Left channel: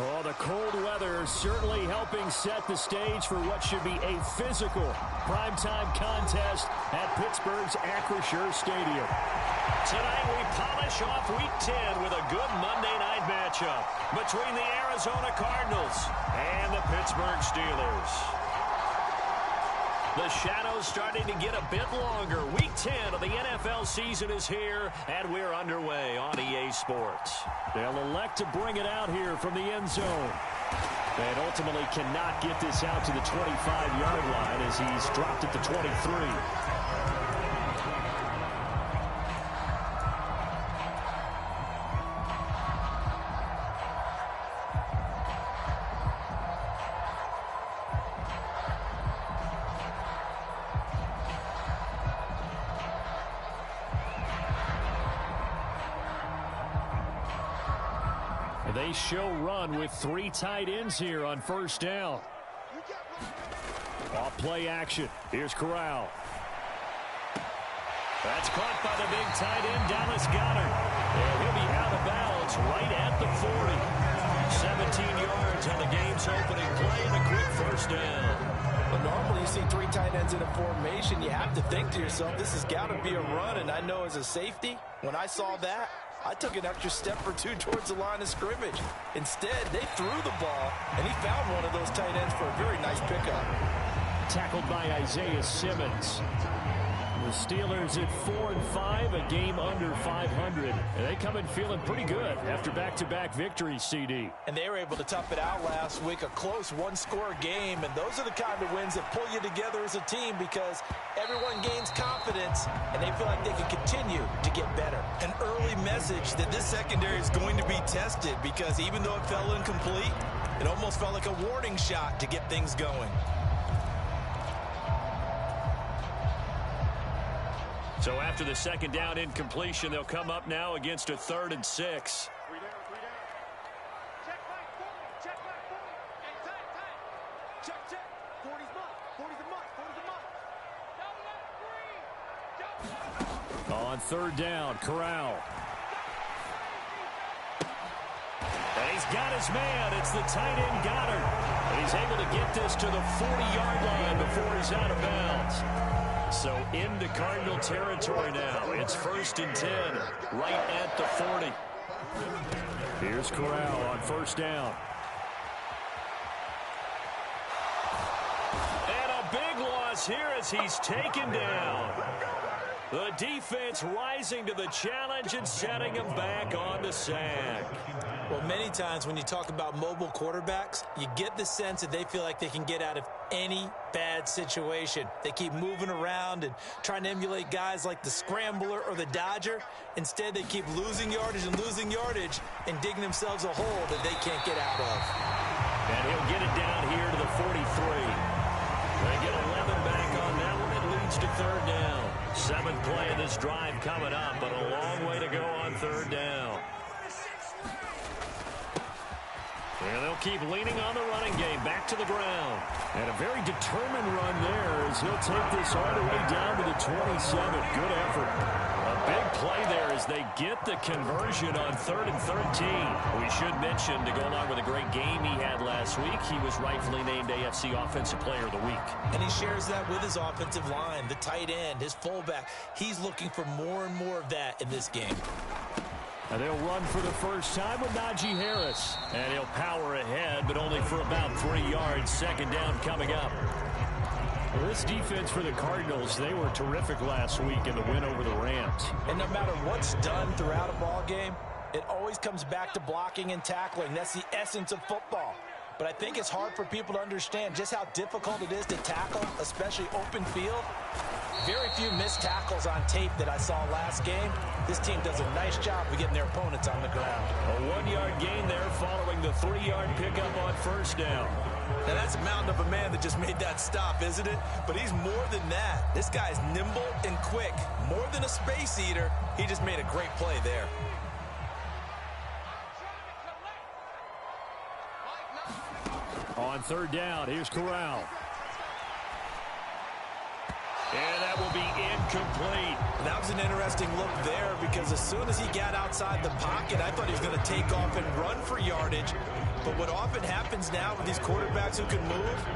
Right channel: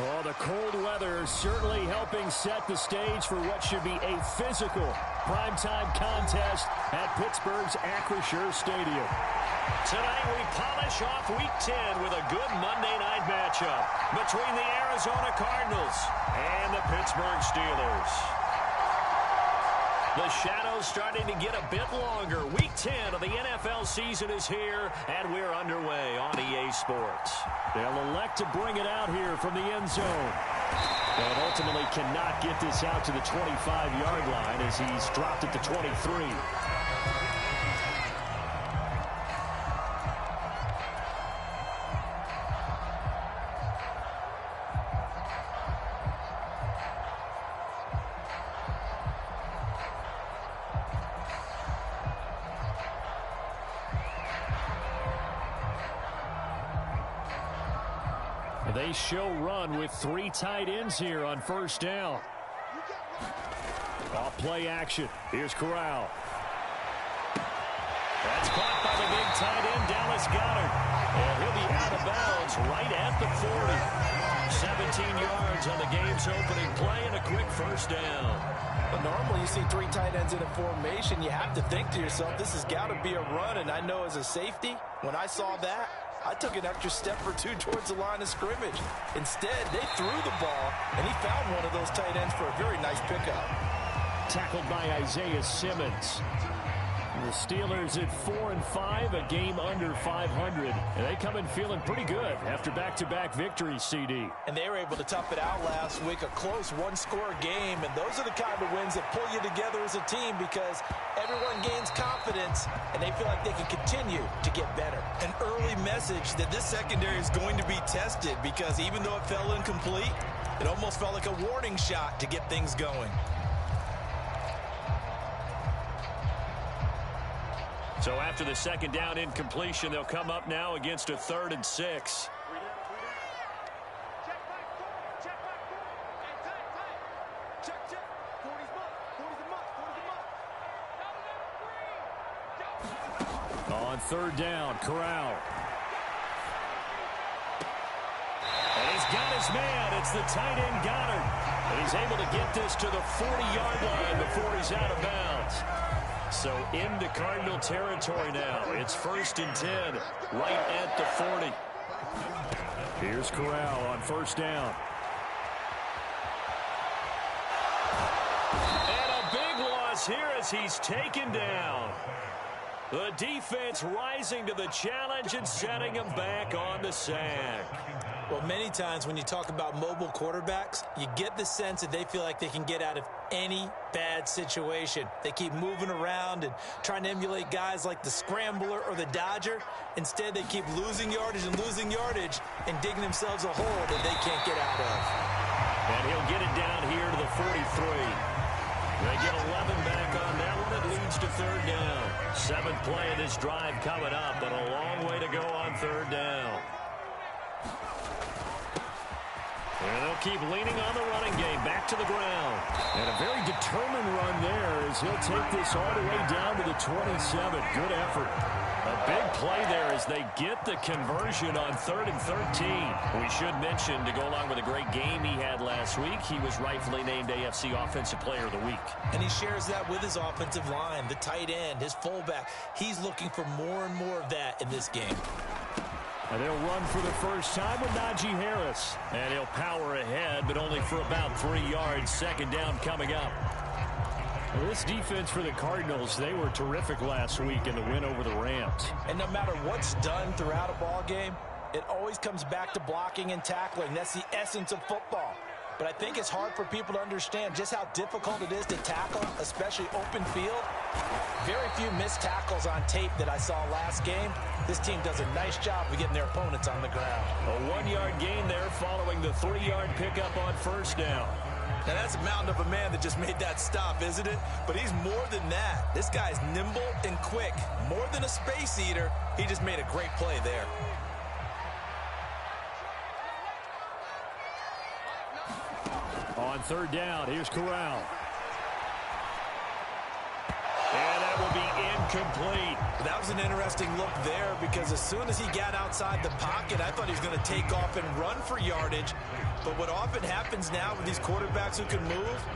Oh, the cold weather certainly helping set the stage for what should be a physical primetime contest at Pittsburgh's Acrisure Stadium. Tonight we polish off Week 10 with a good Monday night matchup between the Arizona Cardinals and the Pittsburgh Steelers. The shadow's starting to get a bit longer. Week 10 of the NFL season is here, and we're underway on EA Sports. They'll elect to bring it out here from the end zone. And ultimately cannot get this out to the 25-yard line as he's dropped at the 23. They show run with 3 tight ends here on first down. Off play action. Here's Corral. That's caught by the big tight end, Dallas Goedert. And he'll be out of bounds right at the 40. 17 yards on the game's opening play and a quick first down. But normally you see 3 tight ends in a formation. You have to think to yourself, this has got to be a run. And I know as a safety, when I saw that, I took an extra step or 2 towards the line of scrimmage. Instead, they threw the ball, and he found one of those tight ends for a very nice pickup. Tackled by Isaiah Simmons. The Steelers at 4-5, a game under 500. And they come in feeling pretty good after back-to-back victories, CD. And they were able to tough it out last week, a close one-score game. And those are the kind of wins that pull you together as a team because everyone gains confidence, and they feel like they can continue to get better. An early message that this secondary is going to be tested because even though it fell incomplete, it almost felt like a warning shot to get things going. So after the second down incompletion, they'll come up now against a 3rd and 6. Check back 40. Check back 40. Hey, tight. Check. 40's much. 40's a much. 40's a much. On 3rd down, Corral. And he's got his man. It's the tight end Goddard. And he's able to get this to the 40-yard line before he's out of bounds. So into Cardinal territory now. It's 1st and 10, right at the 40. Here's Corral on 1st down. And a big loss here as he's taken down. The defense rising to the challenge and setting him back on the sack. Well, many times when you talk about mobile quarterbacks, you get the sense that they feel like they can get out of any bad situation. They keep moving around and trying to emulate guys like the Scrambler or the Dodger. Instead, they keep losing yardage and digging themselves a hole that they can't get out of. And he'll get it down here to the 43. They get 11 back on that one. It leads to 3rd down. 7th play of this drive coming up, but a long way to go on 3rd down. And they'll keep leaning on the running game back to the ground. And a very determined run there as he'll take this all the way down to the 27. Good effort. A big play there as they get the conversion on 3rd and 13. We should mention, to go along with a great game he had last week, he was rightfully named AFC Offensive Player of the Week. And he shares that with his offensive line, the tight end, his fullback. He's looking for more and more of that in this game. And they'll run for the first time with Najee Harris. And he'll power ahead, but only for about 3 yards. 2nd down coming up. Well, this defense for the Cardinals, they were terrific last week in the win over the Rams. And no matter what's done throughout a ball game, it always comes back to blocking and tackling. That's the essence of football. But I think it's hard for people to understand just how difficult it is to tackle, especially open field. Very few missed tackles on tape that I saw last game. This team does a nice job of getting their opponents on the ground. A 1-yard gain there following the 3-yard pickup on 1st down. Now that's a mountain of a man that just made that stop, isn't it? But he's more than that. This guy's nimble and quick. More than a space eater, he just made a great play there. On 3rd down, here's Corral. And that will be incomplete. That was an interesting look there because as soon as he got outside the pocket, I thought he was going to take off and run for yardage. But what often happens now with these quarterbacks who can move,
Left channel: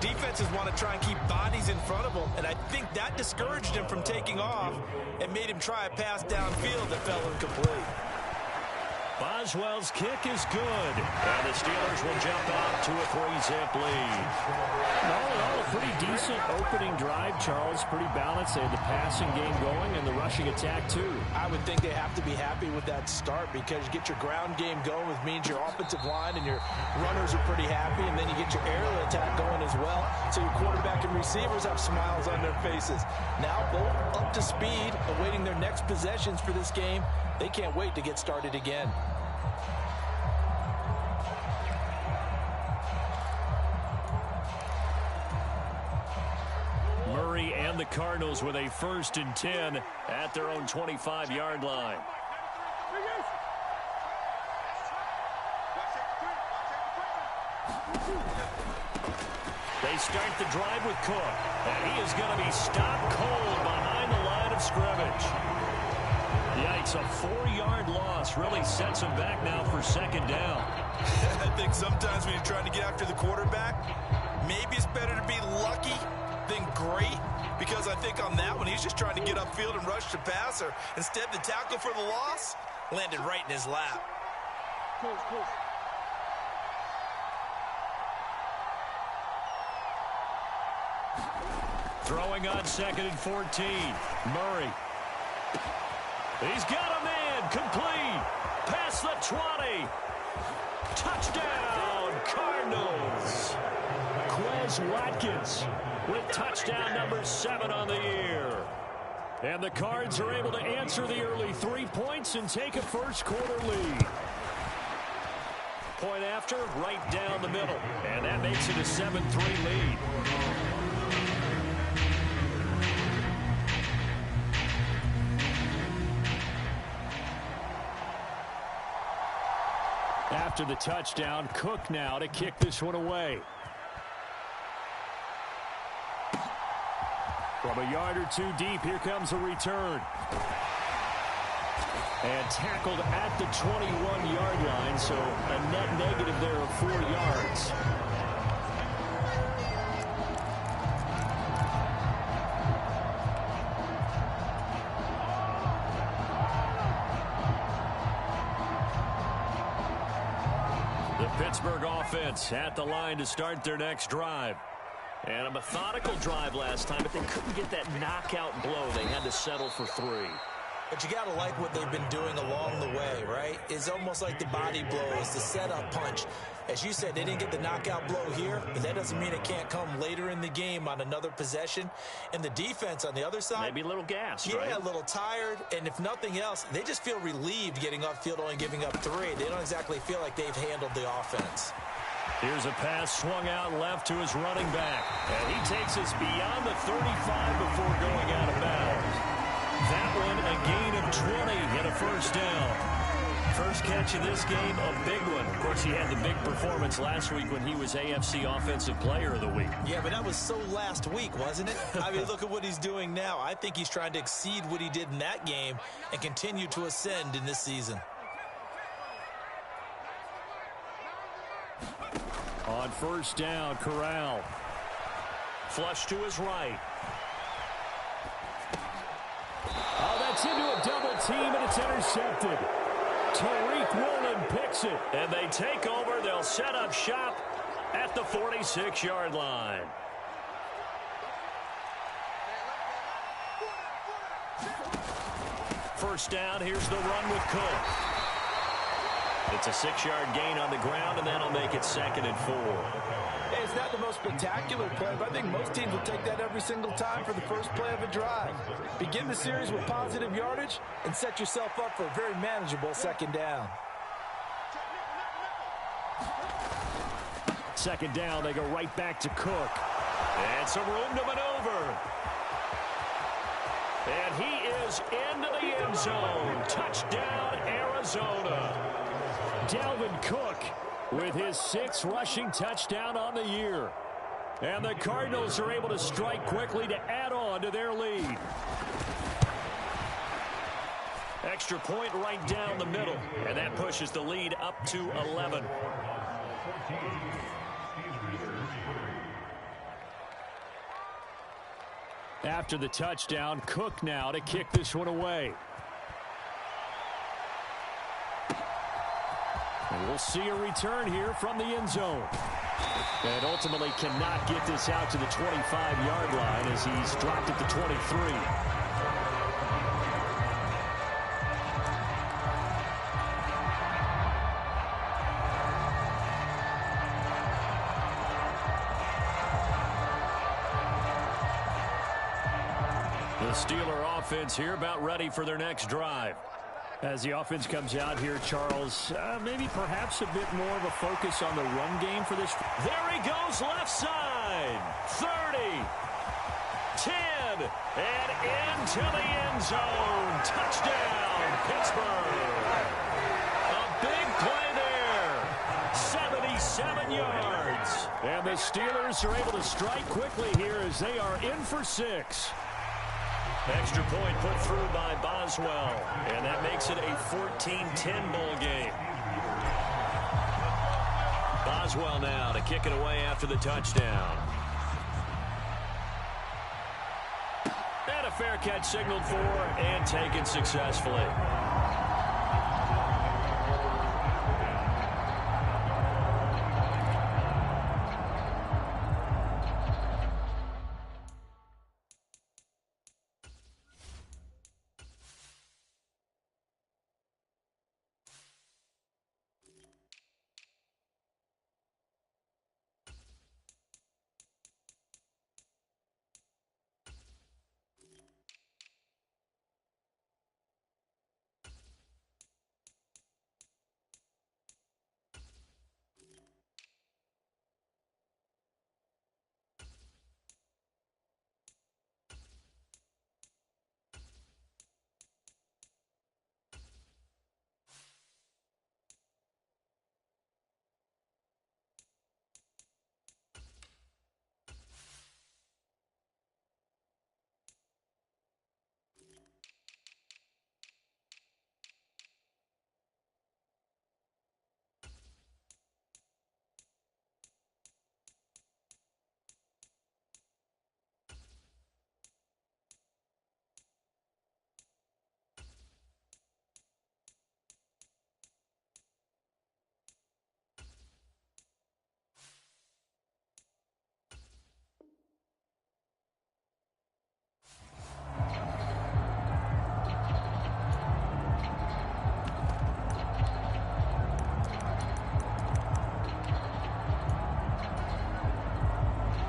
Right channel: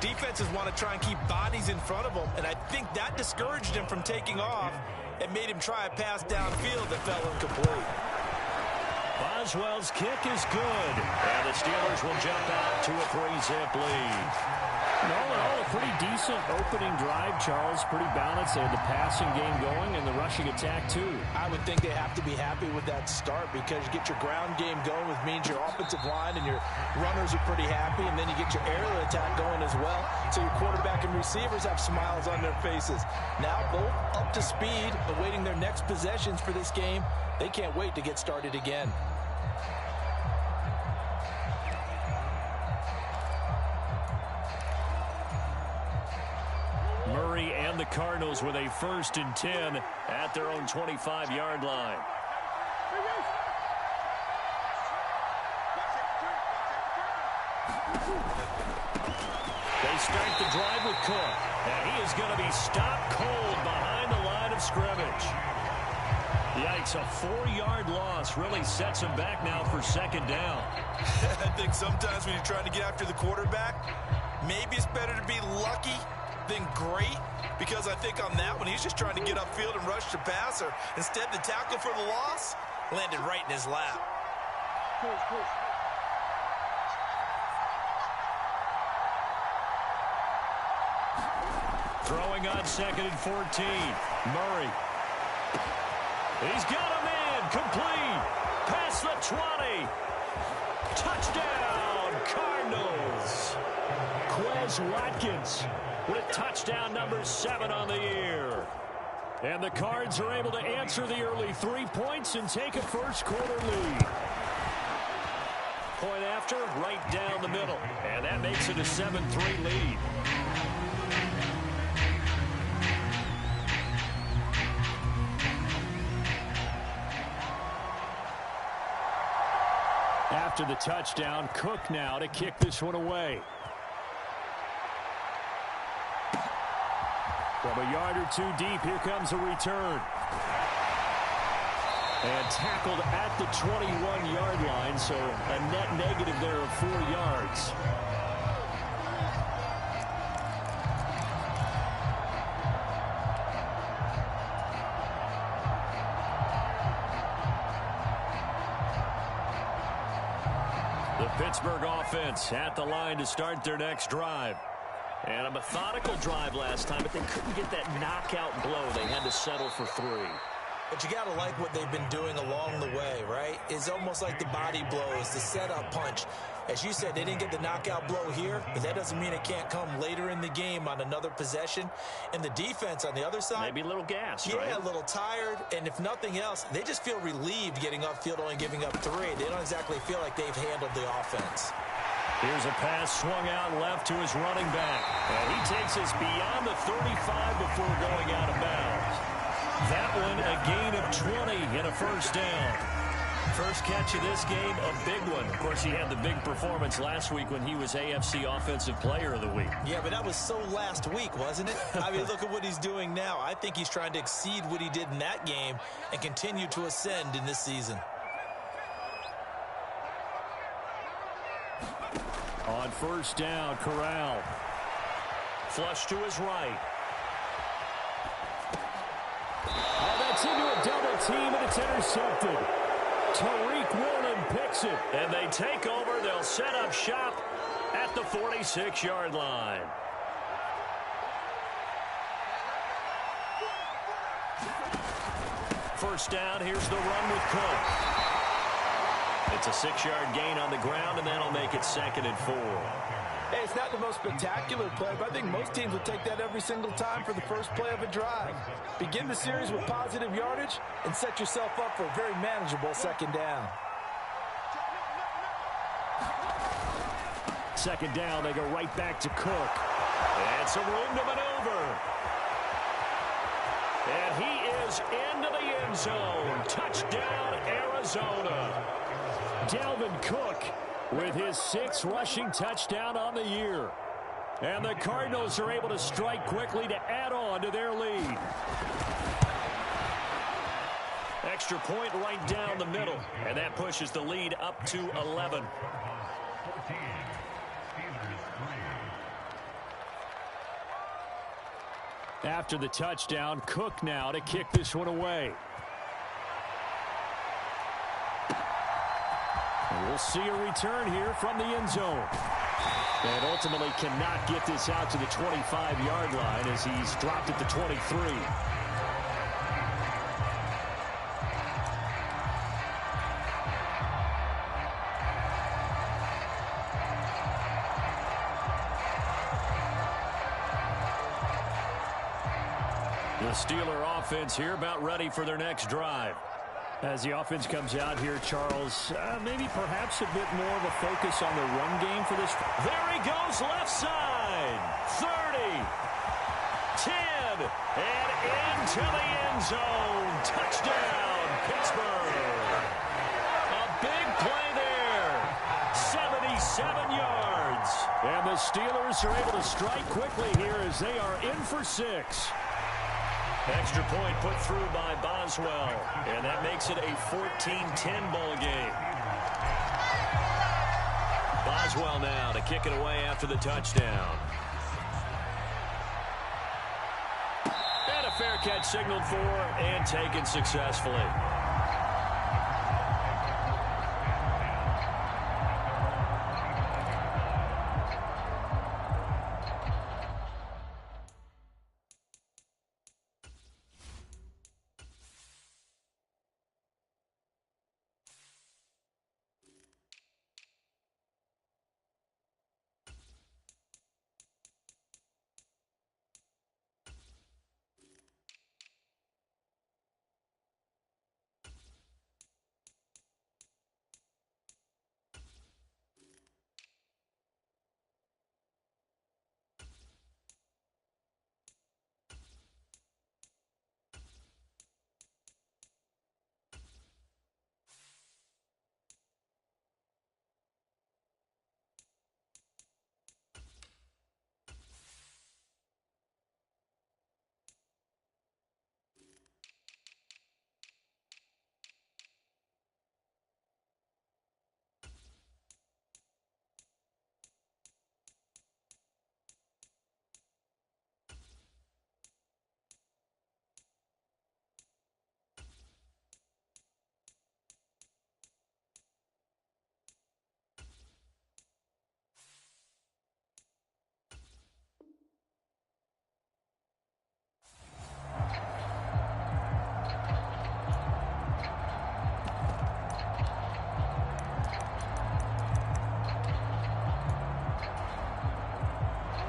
defenses want to try and keep bodies in front of them, and I think that discouraged him from taking off and made him try a pass downfield that fell incomplete. Boswell's kick is good, and the Steelers will jump out to a 3-zip lead. All in all, a pretty decent opening drive, Charles. Pretty balanced. They had the passing game going and the rushing attack, too. I would think they have to be happy with that start because you get your ground game going, which means your offensive line and your runners are pretty happy, and then you get your aerial attack going as well. So your quarterback and receivers have smiles on their faces. Now both up to speed, awaiting their next possessions for this game. They can't wait to get started again. Murray and the Cardinals with a 1st and 10 at their own 25-yard line. They start the drive with Cook, and he is going to be stopped cold behind the line of scrimmage. Yikes, a 4-yard loss really sets him back now for 2nd down. I think sometimes when you're trying to get after the quarterback, maybe it's better to be lucky than great, because I think on that one, he's just trying to get upfield and rush the passer. Instead, the tackle for the loss landed right in his lap. Throwing on 2nd and 14. Murray. He's got a man. Complete. Past the 20. Touchdown, Cardinals. Quez Watkins with touchdown number 7 on the year. And the Cards are able to answer the early 3 points and take a first-quarter lead. Point after, right down the middle. And that makes it a 7-3 lead. After the touchdown, Cook now to kick this one away. From a yard or 2 deep, here comes a return. And tackled at the 21-yard line, so a net negative there of 4 yards. The Pittsburgh offense at the line to start their next drive. And a methodical drive last time, but they couldn't get that knockout blow. They had to settle for 3. But you got to like what they've been doing along the way, right? It's almost like the body blows, the setup punch. As you said, they didn't get the knockout blow here, but that doesn't mean it can't come later in the game on another possession. And the defense on the other side, maybe a little gassed, right? Yeah, a little tired. And if nothing else, they just feel relieved getting upfield, only giving up 3. They don't exactly feel like they've handled the offense. Here's a pass swung out left to his running back. And he takes us beyond the 35 before going out of bounds. That one, a gain of 20 and a first down. First catch of this game, a big one. Of course, he had the big performance last week when he was AFC Offensive Player of the Week. Yeah, but that was so last week, wasn't it? I mean, look at what he's doing now. I think he's trying to exceed what he did in that game and continue to ascend in this season. On first down, Corral. Flush to his right. Oh, that's into a double team, and it's intercepted. Tariq Woolen picks it, and they take over. They'll set up shop at the 46-yard line. First down, here's the run with Cook. It's a 6-yard gain on the ground, and that'll make it 2nd and 4. Hey, it's not the most spectacular play, but I think most teams will take that every single time for the first play of a drive. Begin the series with positive yardage and set yourself up for a very manageable 2nd down. 2nd down, they go right back to Cook. And some room to maneuver. And he is into the end zone. Touchdown, Arizona. Dalvin Cook with his 6th rushing touchdown on the year. And the Cardinals are able to strike quickly to add on to their lead. Extra point right down the middle. And that pushes the lead up to 11. After the touchdown, Cook now to kick this one away. And we'll see a return here from the end zone. And ultimately cannot get this out to the 25-yard line as he's dropped at the 23. The Steeler offense here about ready for their next drive. As the offense comes out here, Charles, maybe perhaps a bit more of a focus on the run game for this. There he goes, left side. 30, 10, and into the end zone. Touchdown, Pittsburgh. A big play there. 77 yards. And the Steelers are able to strike quickly here as they are in for 6. Extra point put through by Boswell, and that makes it a 14-10 ball game. Boswell now to kick it away after the touchdown. And a fair catch signaled for and taken successfully.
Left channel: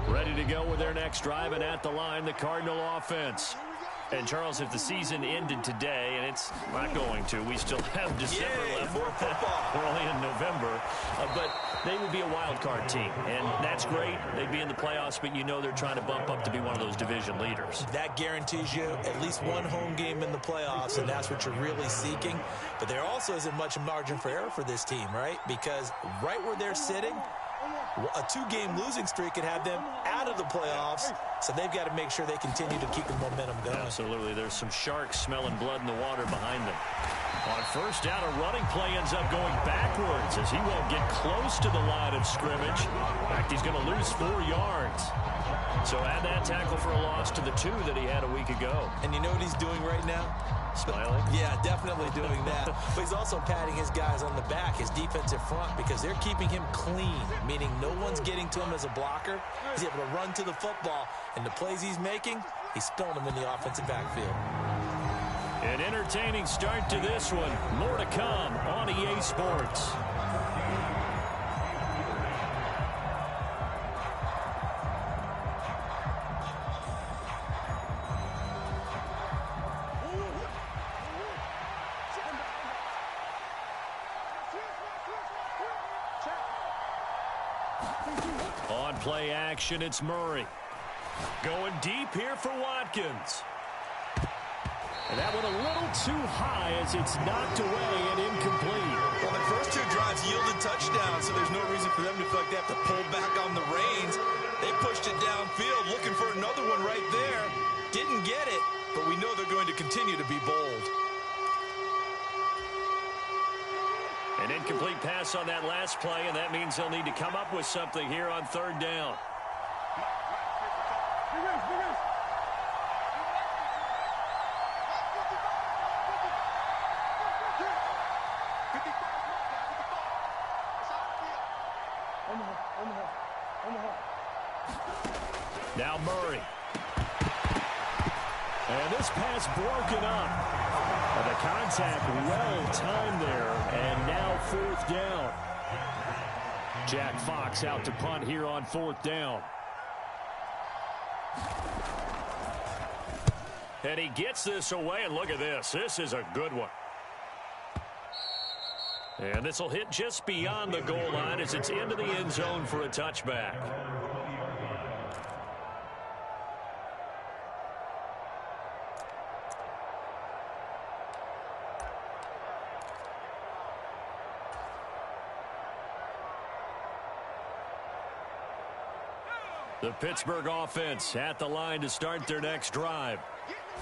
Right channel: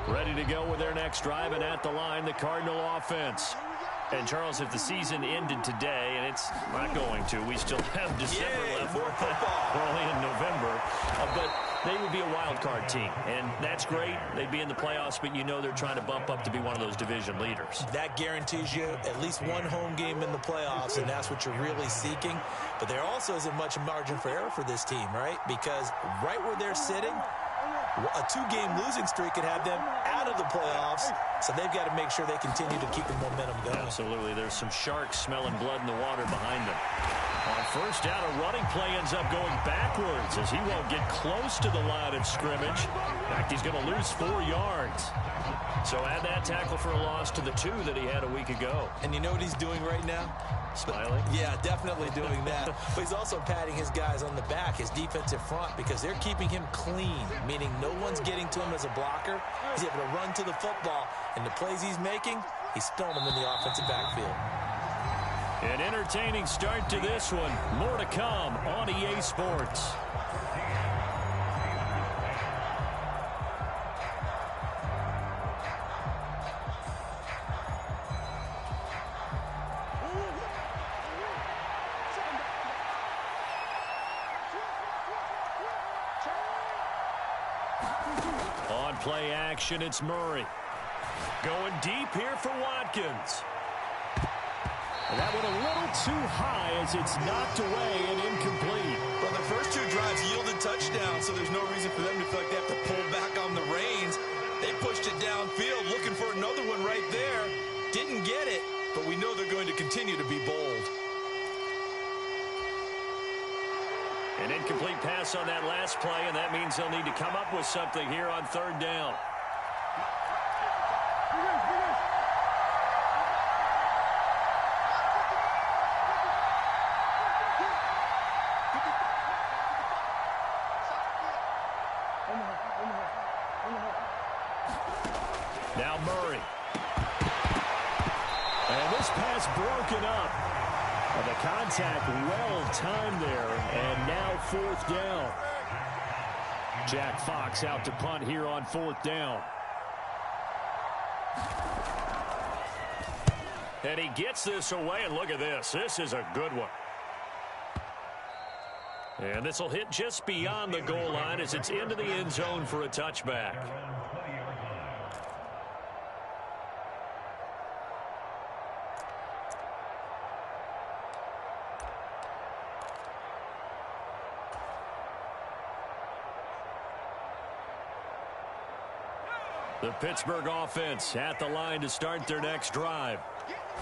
Ready to go with their next drive, and at the line, the Cardinal offense. And, Charles, if the season ended today, and it's not going to, we still have December left. More football. We're only in November. But they would be a wild card team, and that's great. They'd be in the playoffs, but you know they're trying to bump up to be one of those division leaders. That guarantees you at least one home game in the playoffs, and that's what you're really seeking. But there also isn't much margin for error for this team, right? Because right where they're sitting, a 2-game losing streak could have them out of the playoffs, so they've got to make sure they continue to keep the momentum going. Absolutely. There's some sharks smelling blood in the water behind them. On first down, a running play ends up going backwards as he won't get close to the line of scrimmage. In fact, he's going to lose 4 yards. So add that tackle for a loss to the 2 that he had a week ago. And you know what he's doing right now? Smiling? Yeah, definitely doing that. But he's also patting his guys on the back, his defensive front, because they're keeping him clean, meaning no one's getting to him as a blocker. He's able to run to the football, and the plays he's making, he's spilling them in the offensive backfield. An entertaining start to this one. More to come on EA Sports. On play action, it's Murray. Going deep here for Watkins. And that went a little too high as it's knocked away and incomplete. Well, their first 2 drives yielded touchdowns, so there's no reason for them to feel like they have to pull back on the reins. They pushed it downfield, looking for another one right there. Didn't get it, but we know they're going to continue to be bold. An incomplete pass on that last play, and that means they'll need to come up with something here on third down. Now Murray. And this pass broken up. The contact well timed there, and now fourth down. Jack Fox out to punt here on fourth down. And he gets this away, and look at this. This is a good one. And this will hit just beyond the goal line as it's into the end zone for a touchback. The Pittsburgh offense at the line to start their next drive.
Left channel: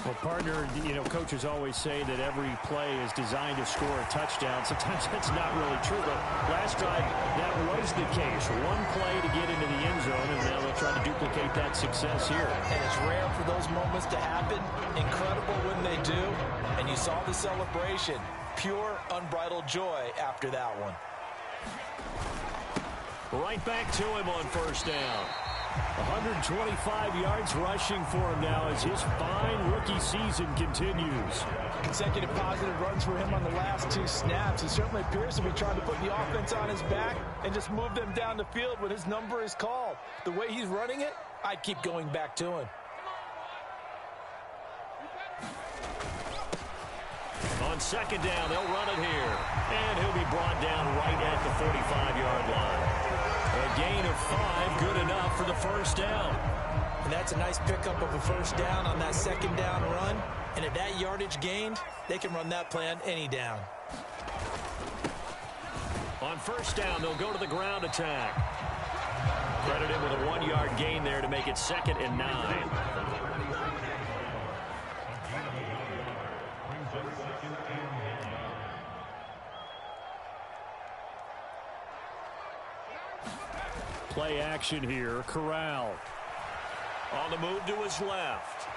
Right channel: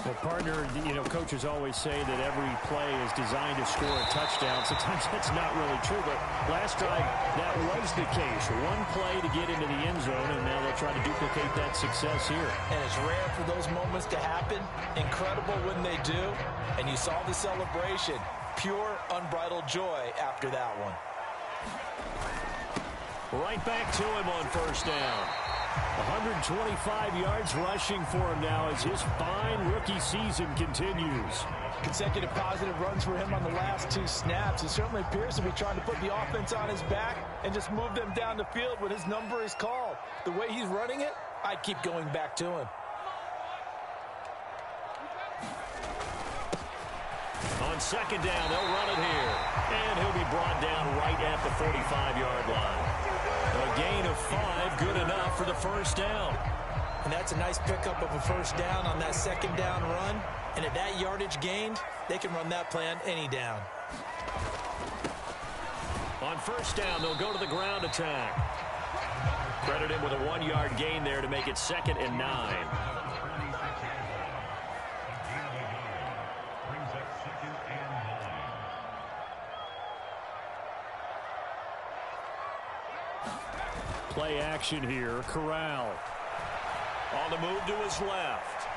Well, partner, coaches always say that every play is designed to score a touchdown. Sometimes that's not really true, but last drive, that was the case. One play to get into the end zone, and now they'll try to duplicate that success here. And it's rare for those moments to happen. Incredible when they do. And you saw the celebration. Pure, unbridled joy after that one. Right back to him on first down. 125 yards rushing for him now as his fine rookie season continues. Consecutive positive runs for him on the last two snaps. He certainly appears to be trying to put the offense on his back and just move them down the field when his number is called. The way he's running it, I'd keep going back to him. On second down, they'll run it here. And he'll be brought down right at the 45-yard line. A gain of 5, good enough for the first down. And that's a nice pickup of a first down on that second down run. And at that yardage gained, they can run that play on any down. On first down, they'll go to the ground attack. Credit him with a 1-yard gain there to make it 2nd and 9. Play action here. Corral. On the move to his left.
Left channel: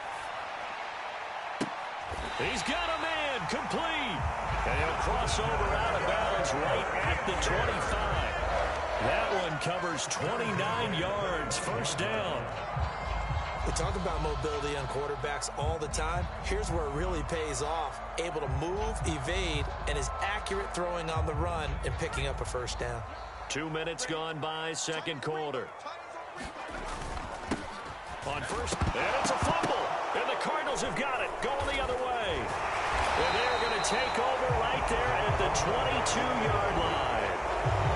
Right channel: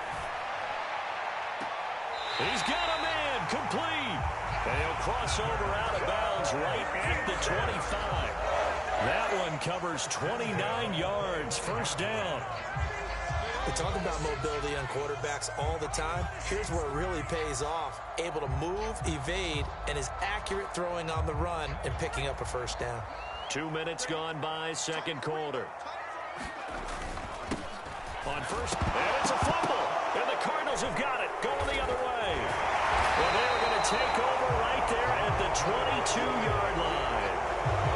He's got a man. Complete. And he'll cross over out of bounds right at the 25. That one covers 29 yards. First down. We talk about mobility on quarterbacks all the time. Here's where it really pays off. Able to move, evade, and is accurate throwing on the run and picking up a first down. 2 minutes gone by, second quarter. On first, and it's a fumble. And the Cardinals have got it, going the other way. And they're going to take over right there at the 22-yard line.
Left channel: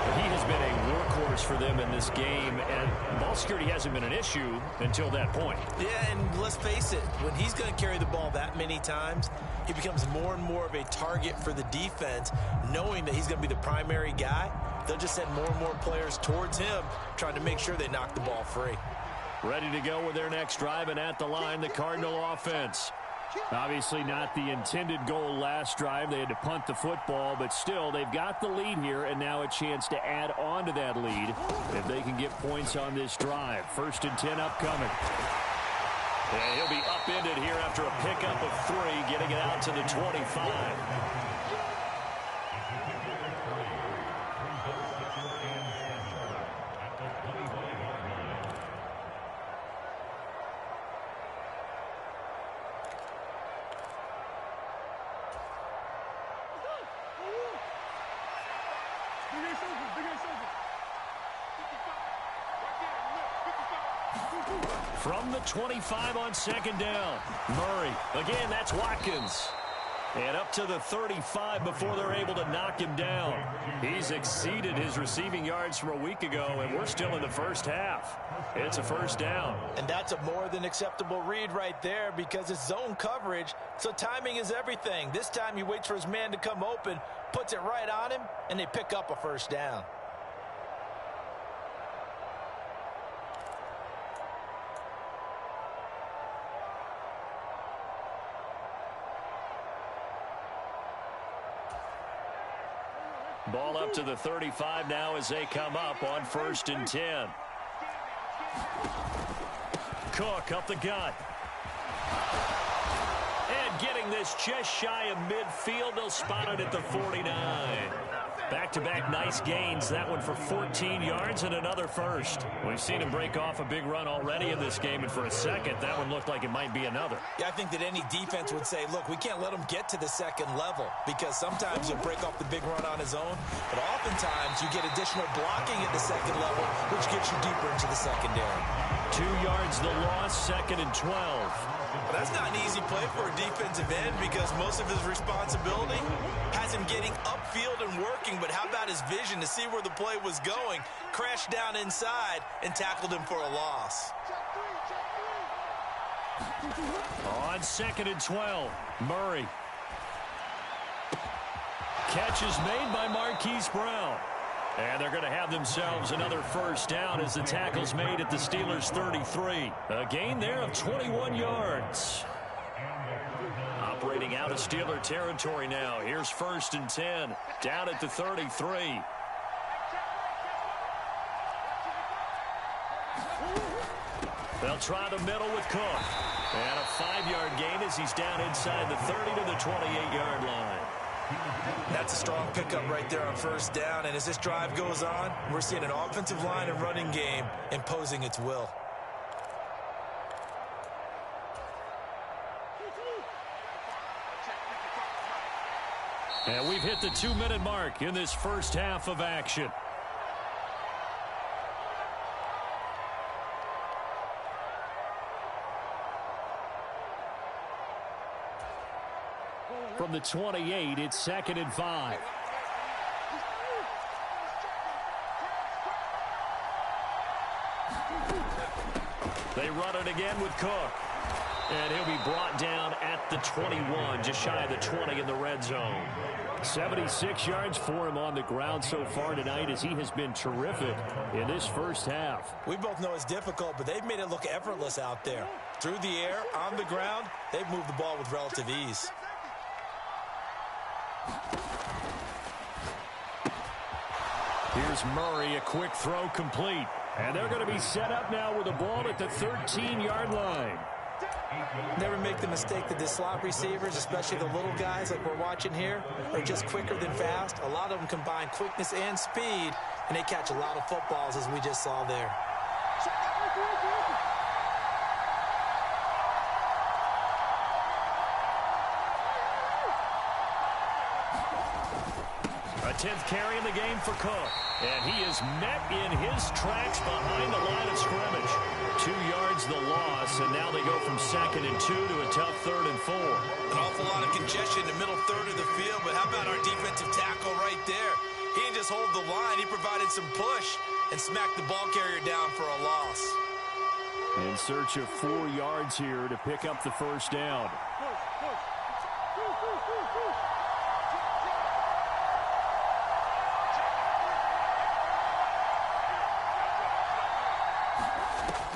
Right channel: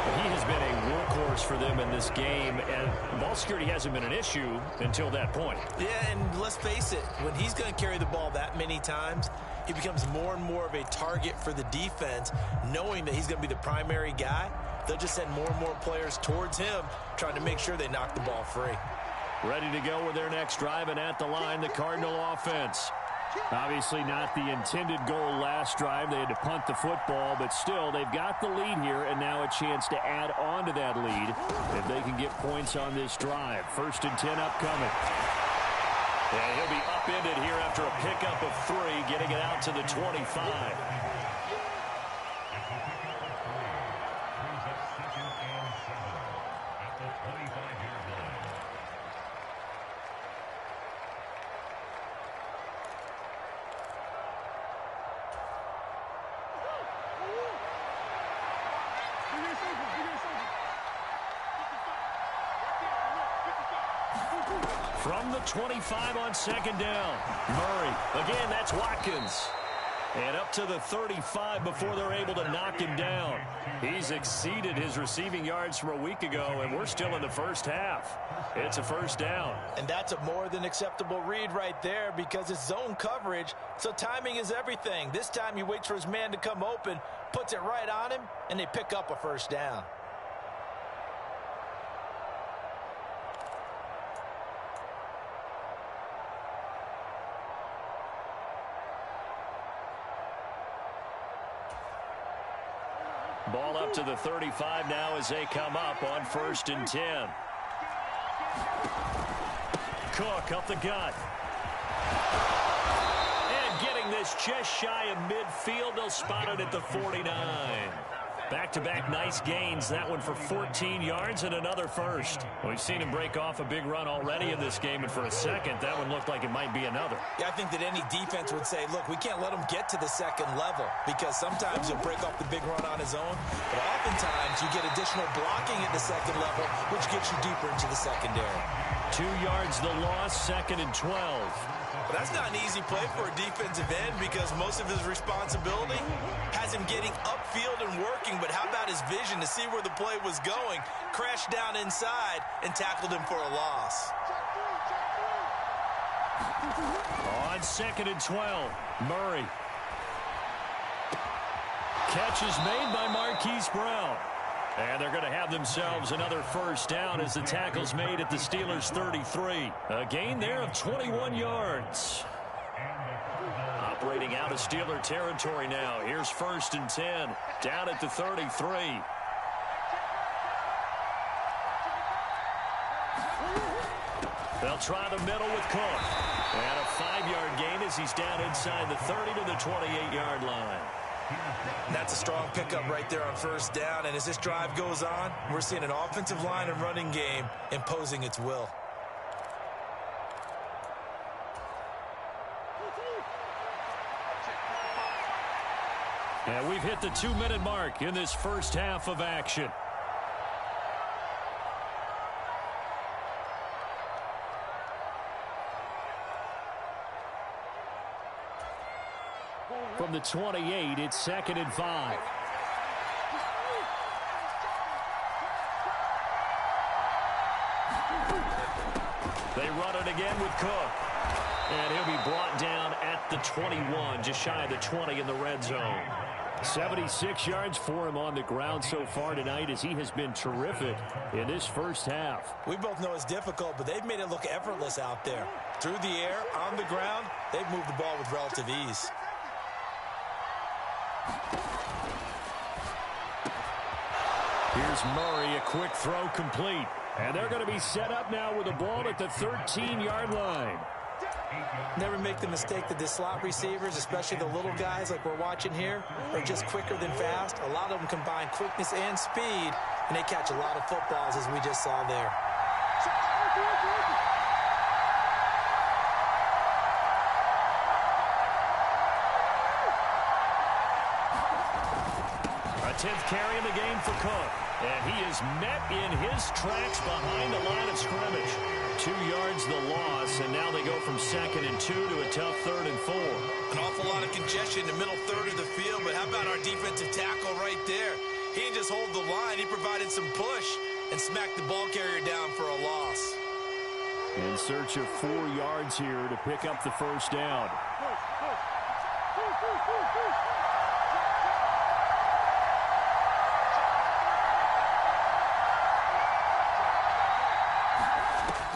But he has been a workhorse for them in this game, and ball security hasn't been an issue until that point. Yeah, and let's face it, when he's going to carry the ball that many times, he becomes more and more of a target for the defense, knowing that he's going to be the primary guy. They'll just send more and more players towards him, trying to make sure they knock the ball free. Ready to go with their next drive, and at the line, the Cardinal offense. Obviously not the intended goal last drive. They had to punt the football, but still, they've got the lead here, and now a chance to add on to that lead if they can get points on this drive. 1st and 10 upcoming. And he'll be upended here after a pickup of 3, getting it out to the 25. From the 25 on second down. Murray. Again, that's Watkins. And up to the 35 before they're able to knock him down. He's exceeded his receiving yards from a week ago, and we're still in the first half. It's a first down. And that's a more than acceptable read right there because it's zone coverage, so timing is everything. This time he waits for his man to come open, puts it right on him, and they pick up a first down. Ball up to the 35 now as they come up on 1st and 10. Cook up the gut. And getting this just shy of midfield. They'll spot it at the 49. Back-to-back nice gains. That one for 14 yards and another first. We've seen him break off a big run already in this game, and for a second, that one looked like it might be another. Yeah, I think that any defense would say, look, we can't let him get to the second level because sometimes he'll break off the big run on his own, but oftentimes you get additional blocking at the second level, which gets you deeper into the secondary. 2 yards the loss, 2nd and 12. But that's not an easy play for a defensive end because most of his responsibility has him getting upfield and working. But how about his vision to see where the play was going, crashed down inside, and tackled him for a loss. On 2nd and 12, Murray. Catch is made by Marquise Brown. And they're going to have themselves another first down as the tackle's made at the Steelers' 33. A gain there of 21 yards. Operating out of Steeler territory now. Here's 1st and 10. Down at the 33. They'll try the middle with Cook. And a 5-yard gain as he's down inside the 30 to the 28-yard line. That's a strong pickup right there on 1st down. And as this drive goes on, we're seeing an offensive line and running game imposing its will. And we've hit the 2-minute mark in this first half of action. From the 28, it's 2nd and 5. They run it again with Cook. And he'll be brought down at the 21, just shy of the 20 in the red zone. 76 yards for him on the ground so far tonight as he has been terrific in this first half. We both know it's difficult, but they've made it look effortless out there. Through the air, on the ground, they've moved the ball with relative ease. Here's Murray, a quick throw complete. And they're going to be set up now with the ball at the 13-yard line. Never make the mistake that the slot receivers, especially the little guys like we're watching here, are just quicker than fast. A lot of them combine quickness and speed, and they catch a lot of footballs as we just saw there. A 10th carry in the game for Cook. And he is met in his tracks behind the line of scrimmage. 2 yards the loss, and now they go from 2nd and 2 to a tough 3rd and 4. An awful lot of congestion in the middle third of the field, but how about our defensive tackle right there? He didn't just hold the line, he provided some push and smacked the ball carrier down for a loss. In search of 4 yards here to pick up the first down.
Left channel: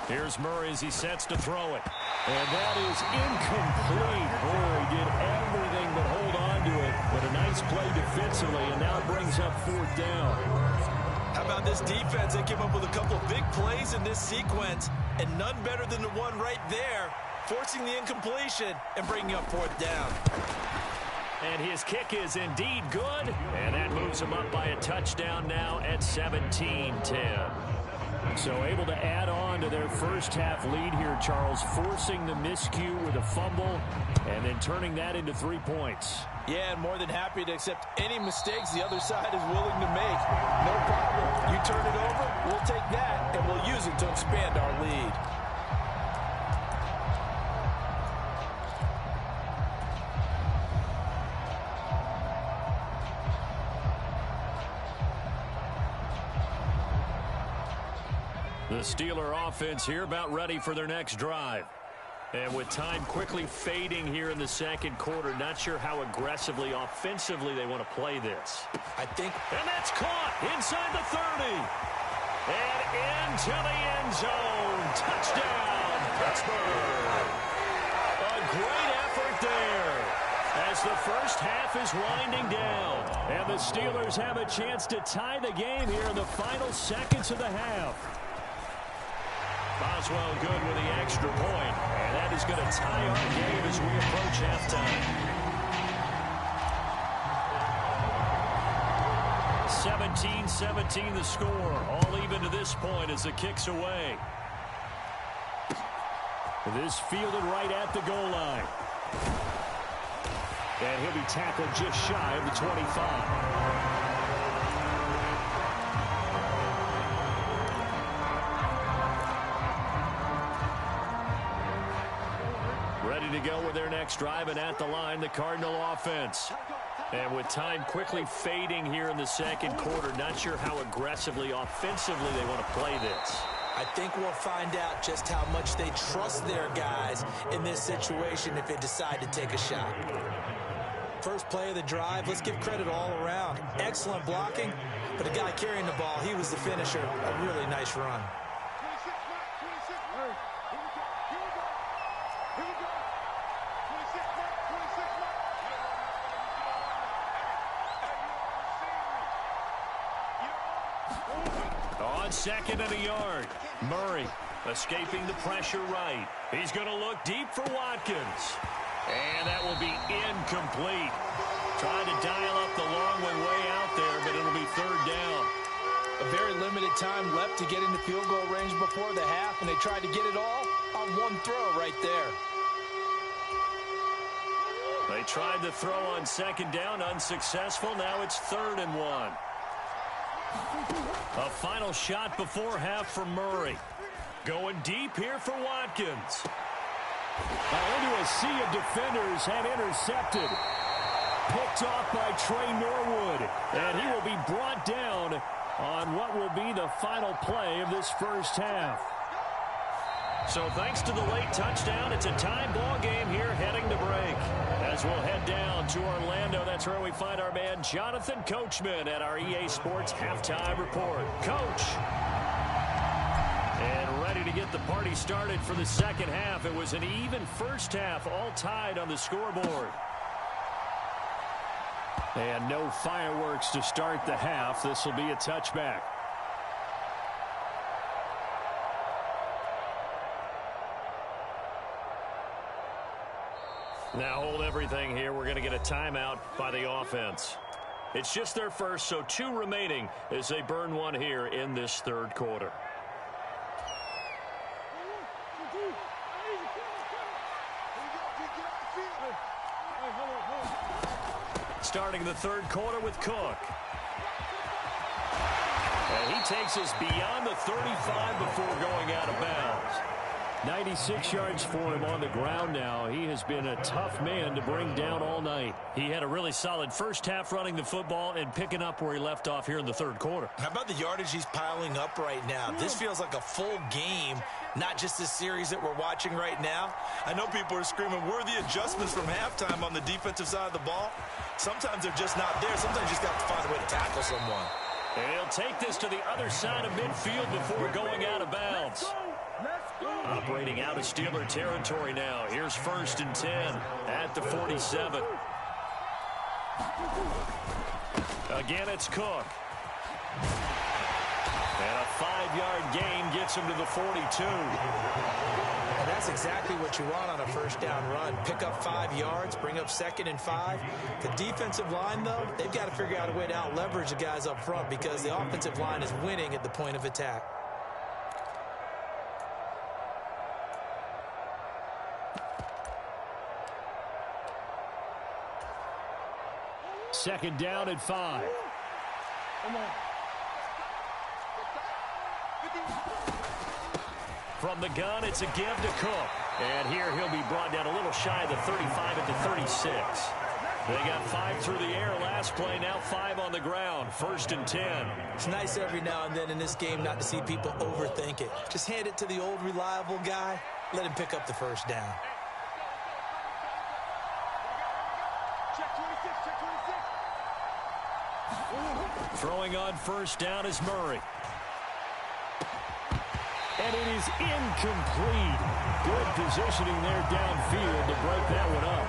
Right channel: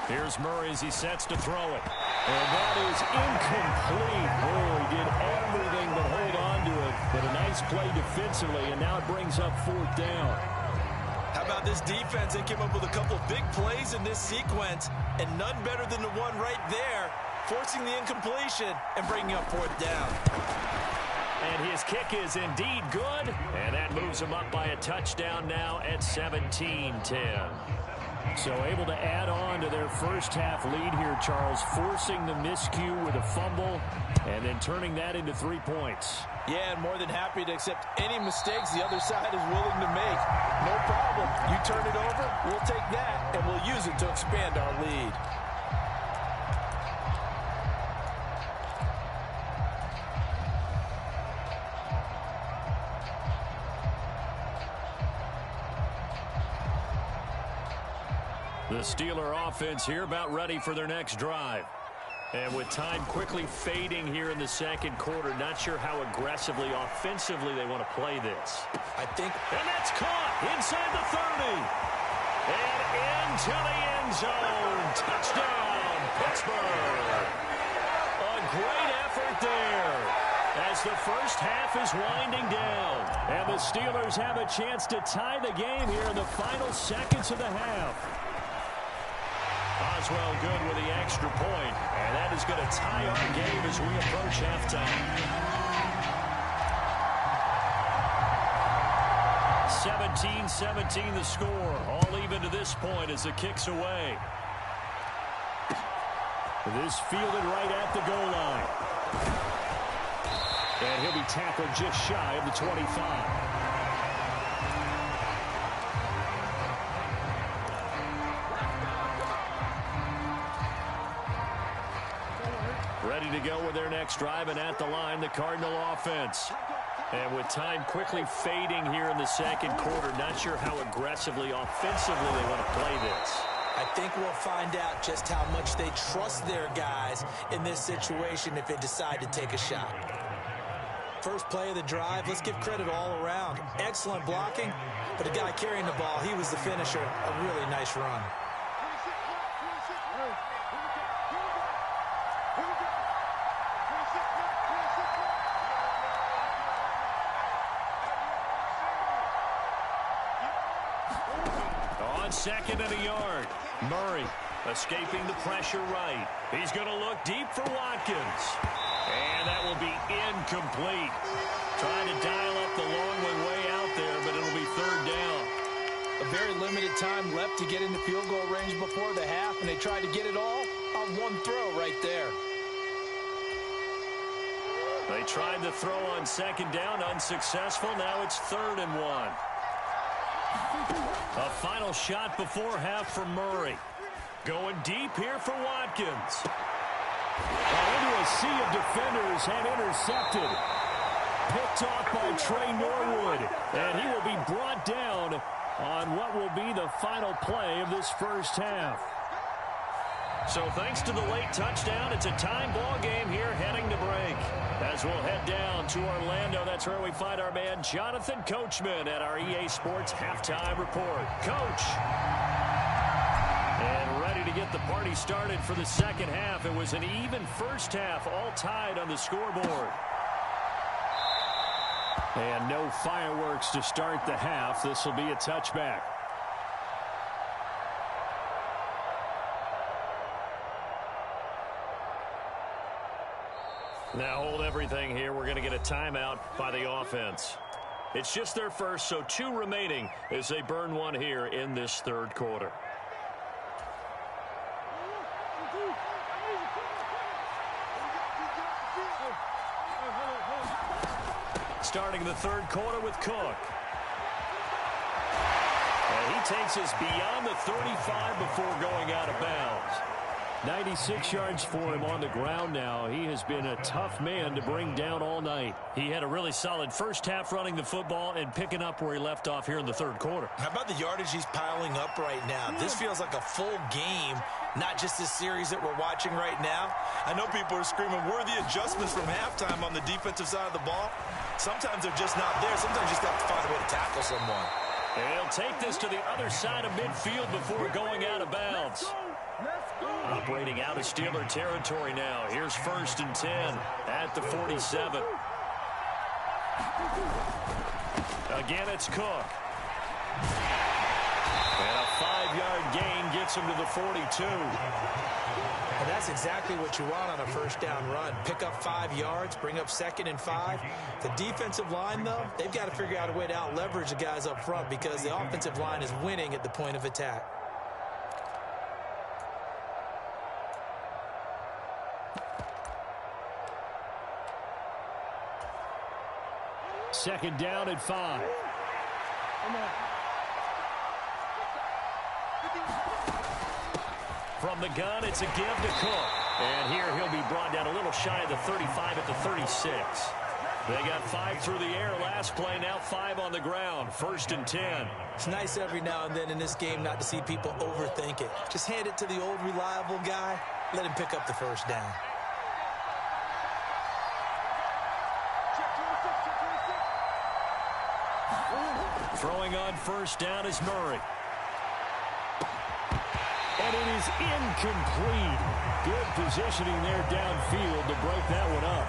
Here's Murray as he sets to throw it. And that is incomplete. Oh, he did everything but hold on to it. But a nice play defensively, and now it brings up 4th down. How about this defense? They came up with a couple of big plays in this sequence, and none better than the one right there, forcing the incompletion and bringing up 4th down. And his kick is indeed good, and that moves him up by a touchdown now at 17-10. So able to add on to their first half lead here, Charles, forcing the miscue with a fumble and then turning that into 3 points. Yeah, and more than happy to accept any mistakes the other side is willing to make. No problem. You turn it over, we'll take that, and we'll use it to expand our lead. The Steeler offense here about ready for their next drive. And with time quickly fading here in the second quarter, not sure how aggressively, offensively they want to play this. And that's caught inside the 30. And into the end zone. Touchdown, Pittsburgh. A great effort there. as the first half is winding down. And the Steelers have a chance to tie the game here in the final seconds of the half. Boswell good with the extra point, and that is going to tie our game as we approach halftime. 17-17 the score, all even to this point as the kick's away. This fielded right at the goal line. And he'll be tackled just shy of the 25. Ready to go with their next drive, and at the line, the Cardinal offense. And with time quickly fading here in the second quarter, not sure how aggressively, offensively they want to play this. I think we'll find out just how much they trust their guys in this situation if they decide to take a shot. First play of the drive, let's give credit all around. Excellent blocking, but the guy carrying the ball, he was the finisher. A really nice run. 26, 26, here we go, here we go, here we go. 26, 26, On second and a yard, Murray escaping the pressure right. He's going to look deep for Watkins. And that will be incomplete. Trying to dial up the long one way out there, but it'll be third down. A very limited time left to get into field goal range before the half, and they tried to get it all on one throw right there. They tried the throw on second down, unsuccessful. Now it's 3rd and 1. A final shot before half for Murray. Going deep here for Watkins. Into a sea of defenders and intercepted. Picked off by Trey Norwood. And he will be brought down on what will be the final play of this first half. So thanks to the late touchdown, it's a tie ball game here heading to break. As we'll head down to Orlando, that's where we find our man Jonathan Coachman at our EA Sports Halftime Report. Coach. And ready to get the party started for the second half. It was an even first half, all tied on the scoreboard. And no fireworks to start the half. This will be a touchback. Now hold everything here. We're going to get a timeout by the offense. It's just their first, so 2 remaining as they burn one here in this third quarter. Starting the third quarter with Cook. And he takes us beyond the 35 before going out of bounds. 96 yards for him on the ground now. He has been a tough man to bring down all night. He had a really solid first half running the football and picking up where he left off here in the third quarter. How about the yardage he's piling up right now? This feels like a full game, not just this series that we're watching right now. I know people are screaming, where are the adjustments from halftime on the defensive side of the ball? Sometimes they're just not there. Sometimes you just got to find a way to tackle someone. And he'll take this to the other side of midfield before going out of bounds. Operating out of Steeler territory now. Here's 1st and 10 at the 47. Again, it's Cook. And a 5-yard gain gets him to the 42. And that's exactly what you want on a first down run. Pick up 5 yards, bring up 2nd and 5. The defensive line, though, they've got to figure out a way to out-leverage the guys up front because the offensive line is winning at the point of attack. Second down at 5. From the gun, it's a give to Cook. And here he'll be brought down a little shy of the 35 at the 36. They got 5 through the air last play, now 5 on the ground. 1st and 10. It's nice every now and then in this game not to see people overthink it. Just hand it to the old reliable guy. Let him pick up the first down. Throwing on first down is Murray. And it is incomplete. Good positioning there downfield to break that one up.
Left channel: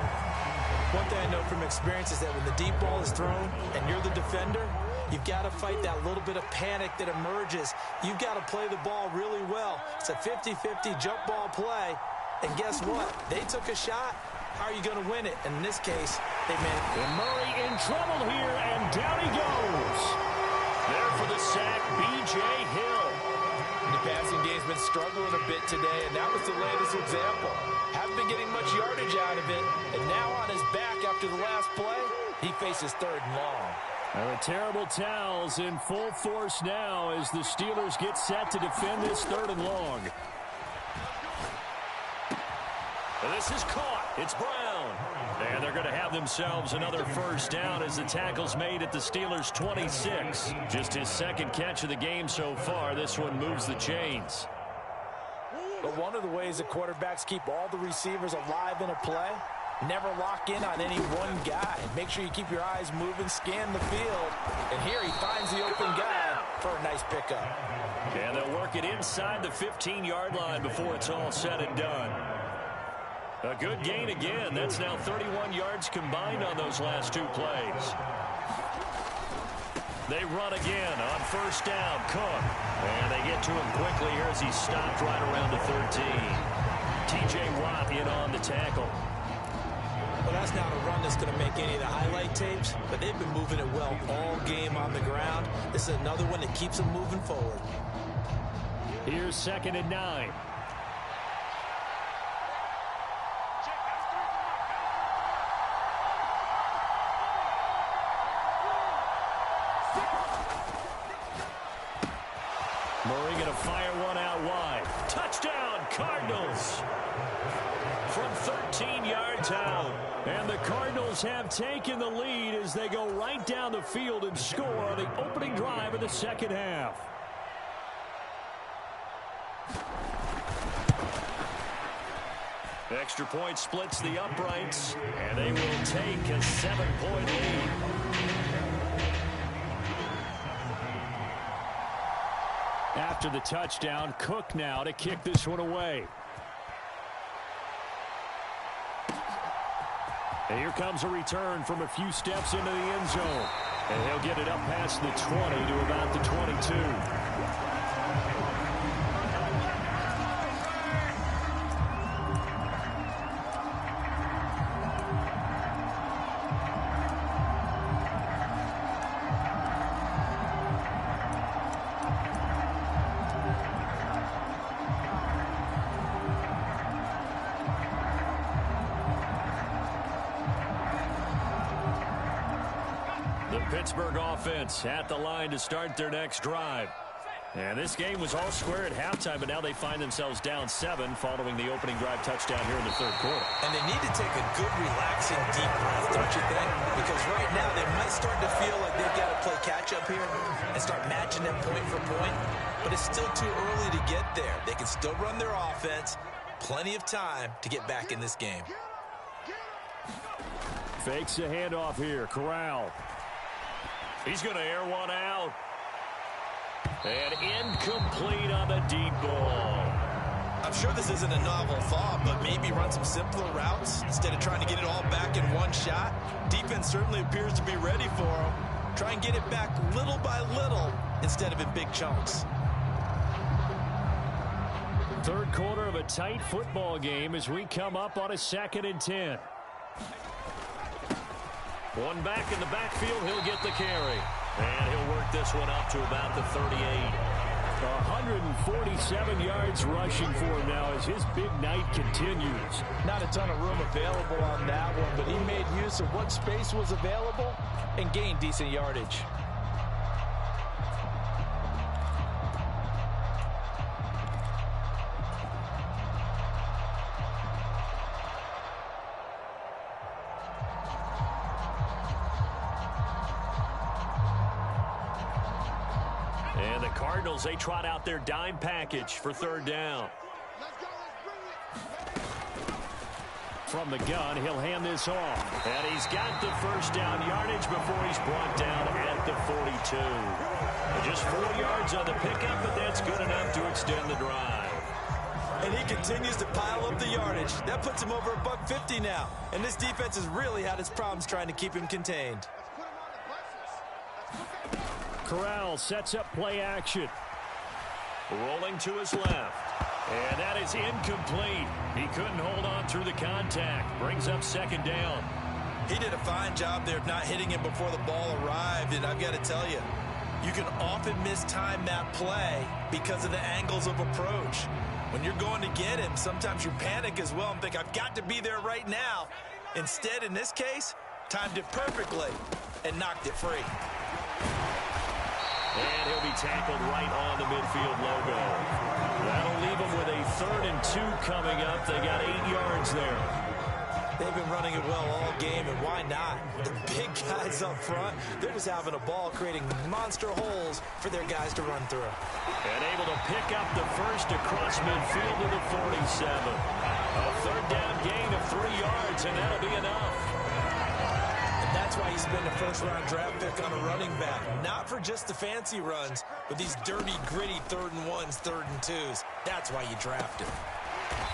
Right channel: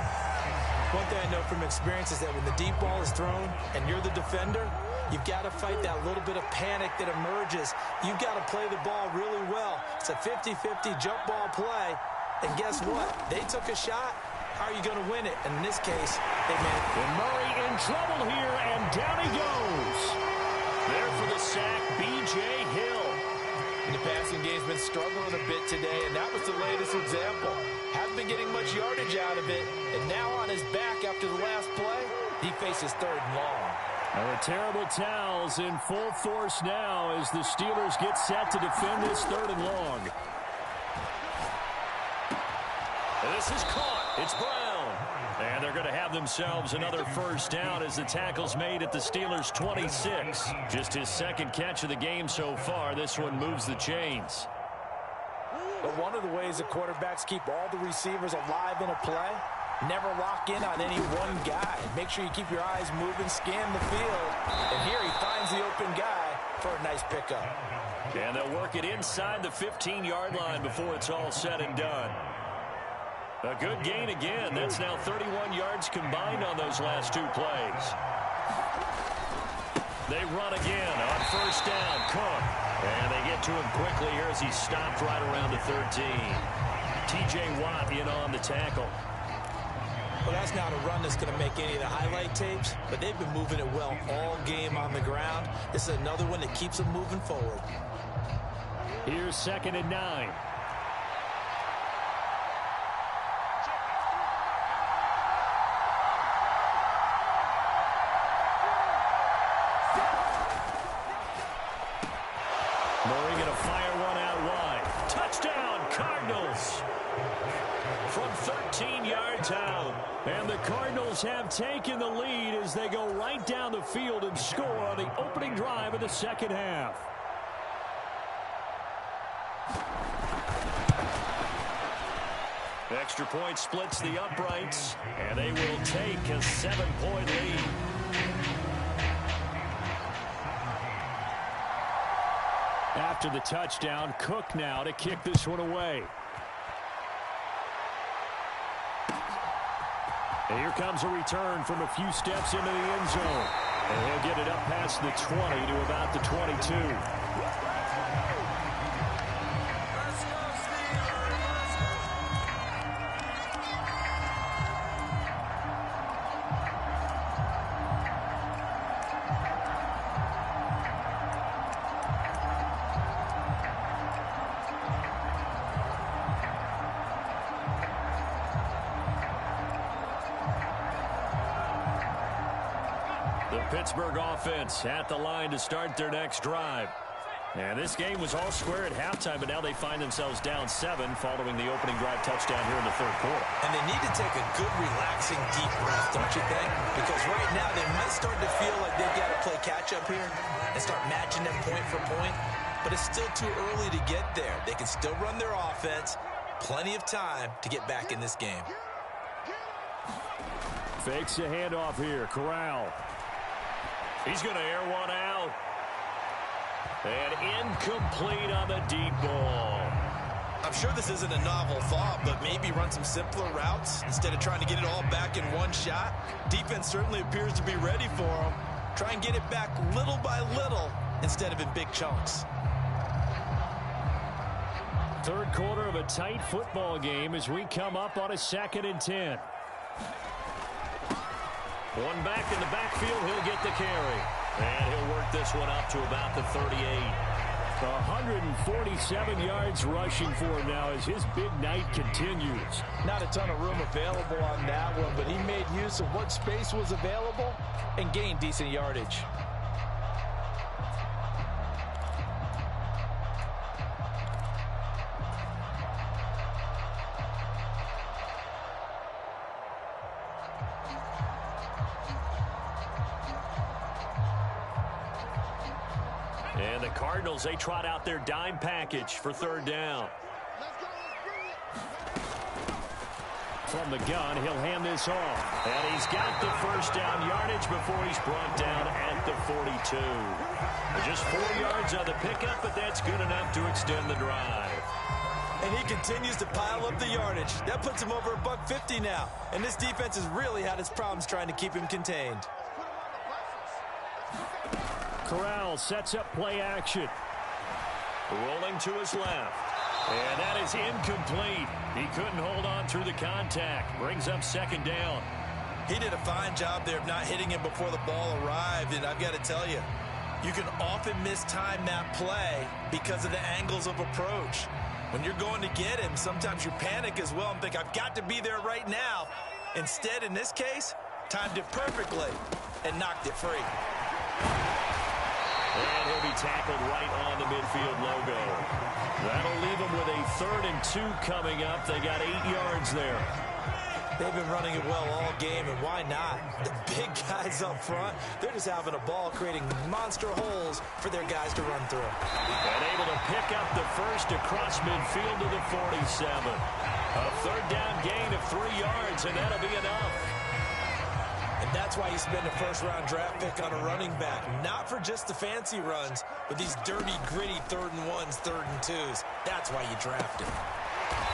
One thing I know from experience is that when the deep ball is thrown and you're the defender, you've got to fight that little bit of panic that emerges. You've got to play the ball really well. It's a 50-50 jump ball play. And guess what? They took a shot. How are you going to win it? And in this case, they managed. And Murray in trouble here, and down he goes. There for the sack, B.J. Hill. The passing game's been struggling a bit today, and that was the latest example. Hasn't been getting much yardage out of it, and now on his back after the last play, he faces 3rd and long. Now the terrible towels in full force now as the Steelers get set to defend this 3rd and long. And this is caught. It's Brown. And they're going to have themselves another first down as the tackle's made at the Steelers' 26. Just his 2nd catch of the game so far. This one moves the chains. But one of the ways that quarterbacks keep all the receivers alive in a play, never lock in on any one guy. Make sure you keep your eyes moving, scan the field. And here he finds the open guy for a nice pickup. And they'll work it inside the 15-yard line before it's all said and done. A good gain again. That's now 31 yards combined on those last 2 plays. They run again on first down. Cook. And they get to him quickly here as he's stopped right around the 13. T.J. Watt in on the tackle. Well, that's not a run that's going to make any of the highlight tapes, but they've been moving it well all game on the ground. This is another one that keeps them moving forward. Here's 2nd and 9. Murray going to fire one out wide. Touchdown, Cardinals. From 13 yards out. And the Cardinals have taken the lead as they go right down the field and score on the opening drive of the 2nd half. Extra point splits the uprights, and they will take a 7-point lead. After the touchdown, Cook now to kick this one away. And here comes a return from a few steps into the end zone. And he'll get it up past the 20 to about the 22. The Pittsburgh offense at the line to start their next drive. And this game was all square at halftime, but now they find themselves down 7 following the opening drive touchdown here in the 3rd quarter. And they need to take a good, relaxing, deep breath, don't you think? Because right now they might start to feel like they've got to play catch-up here and start matching them point for point. But it's still too early to get there. They can still run their offense. Plenty of time to get back in this game. Fakes a handoff here. Corral. He's going to air one out. And incomplete on the deep ball. I'm sure this isn't a novel thought, but maybe run some simpler routes instead of trying to get it all back in one shot. Defense certainly appears to be ready for him. Try and get it back little by little instead of in big chunks. 3rd quarter of a tight football game as we come up on a 2nd and 10. One back in the backfield, he'll get the carry. And he'll work this one up to about the 38. 147 yards rushing for him now as his big night continues. Not a ton of room available on that one, but he made use of what space was available and gained decent yardage. And the Cardinals, they trot out their dime package for 3rd down. From the gun, he'll hand this off. And he's got the first down yardage before he's brought down at the 42. Just 4 yards on the pickup, but that's good enough to extend the drive. And And he continues to pile up the yardage. That puts him over $150 now. And this defense has really had its problems trying to keep him contained. Corral sets up play action. Rolling to his left. And that is incomplete. He couldn't hold on through the contact. Brings up second down. He did a fine job there of not hitting him before the ball arrived. And I've got to tell you, you can often mistime that play because of the angles of approach. When you're going to get him, sometimes you panic as well and think, I've got to be there right now. Instead, in this case, timed it perfectly and knocked it free. And he'll be tackled right on the midfield logo. That'll leave him with a 3rd and 2 coming up. They got 8 yards there. They've been running it well all game, and why not? The big guys up front, they're just having a ball, creating monster holes for their guys to run through. And able to pick up the first across midfield to the 47. A 3rd down gain of 3 yards, and that'll be enough. And that's why you spend a first-round draft pick on a running back. Not for just the fancy runs, but these dirty, gritty 3rd and 1s, 3rd and 2s. That's why you draft him.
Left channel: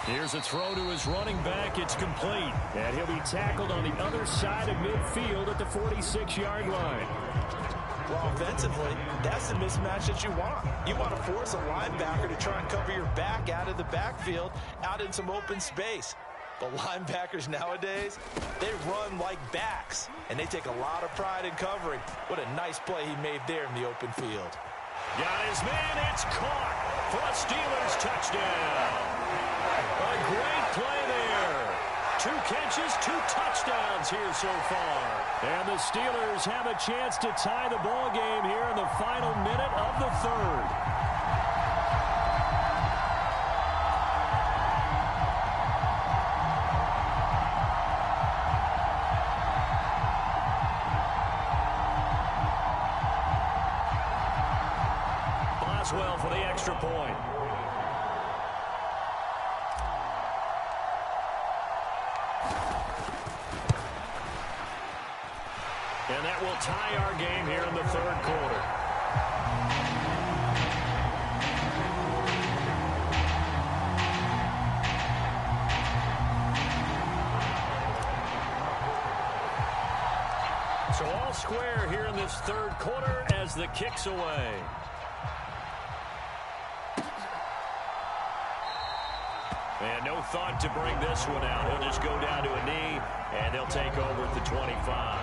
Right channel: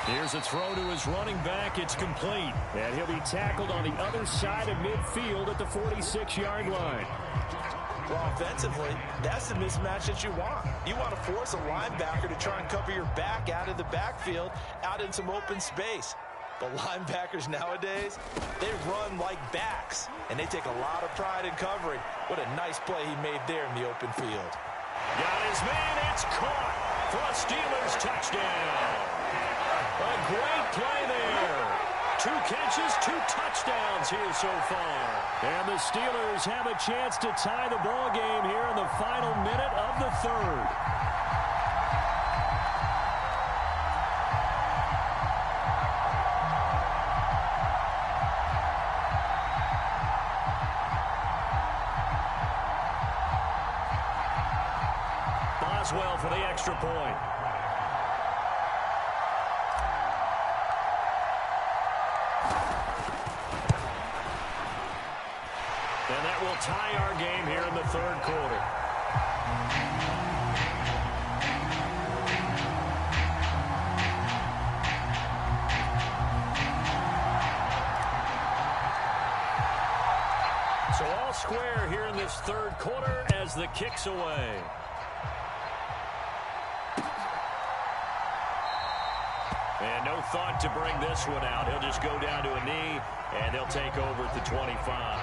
Here's a throw to his running back. It's complete. And he'll be tackled on the other side of midfield at the 46-yard line. Well, offensively, that's the mismatch that you want. You want to force a linebacker to try and cover your back out of the backfield, out in some open space. The linebackers nowadays, they run like backs, and they take a lot of pride in covering. What a nice play he made there in the open field. Got his man. It's caught for a Steelers touchdown. A great play there. 2 catches, 2 touchdowns here so far. And the Steelers have a chance to tie the ball game here in the final minute of the 3rd. Boswell for the extra point. And that will tie our game here in the 3rd quarter. So all square here in this 3rd quarter as the kick's away. And no thought to bring this one out. He'll just go down to a knee, and they'll take over at the 25.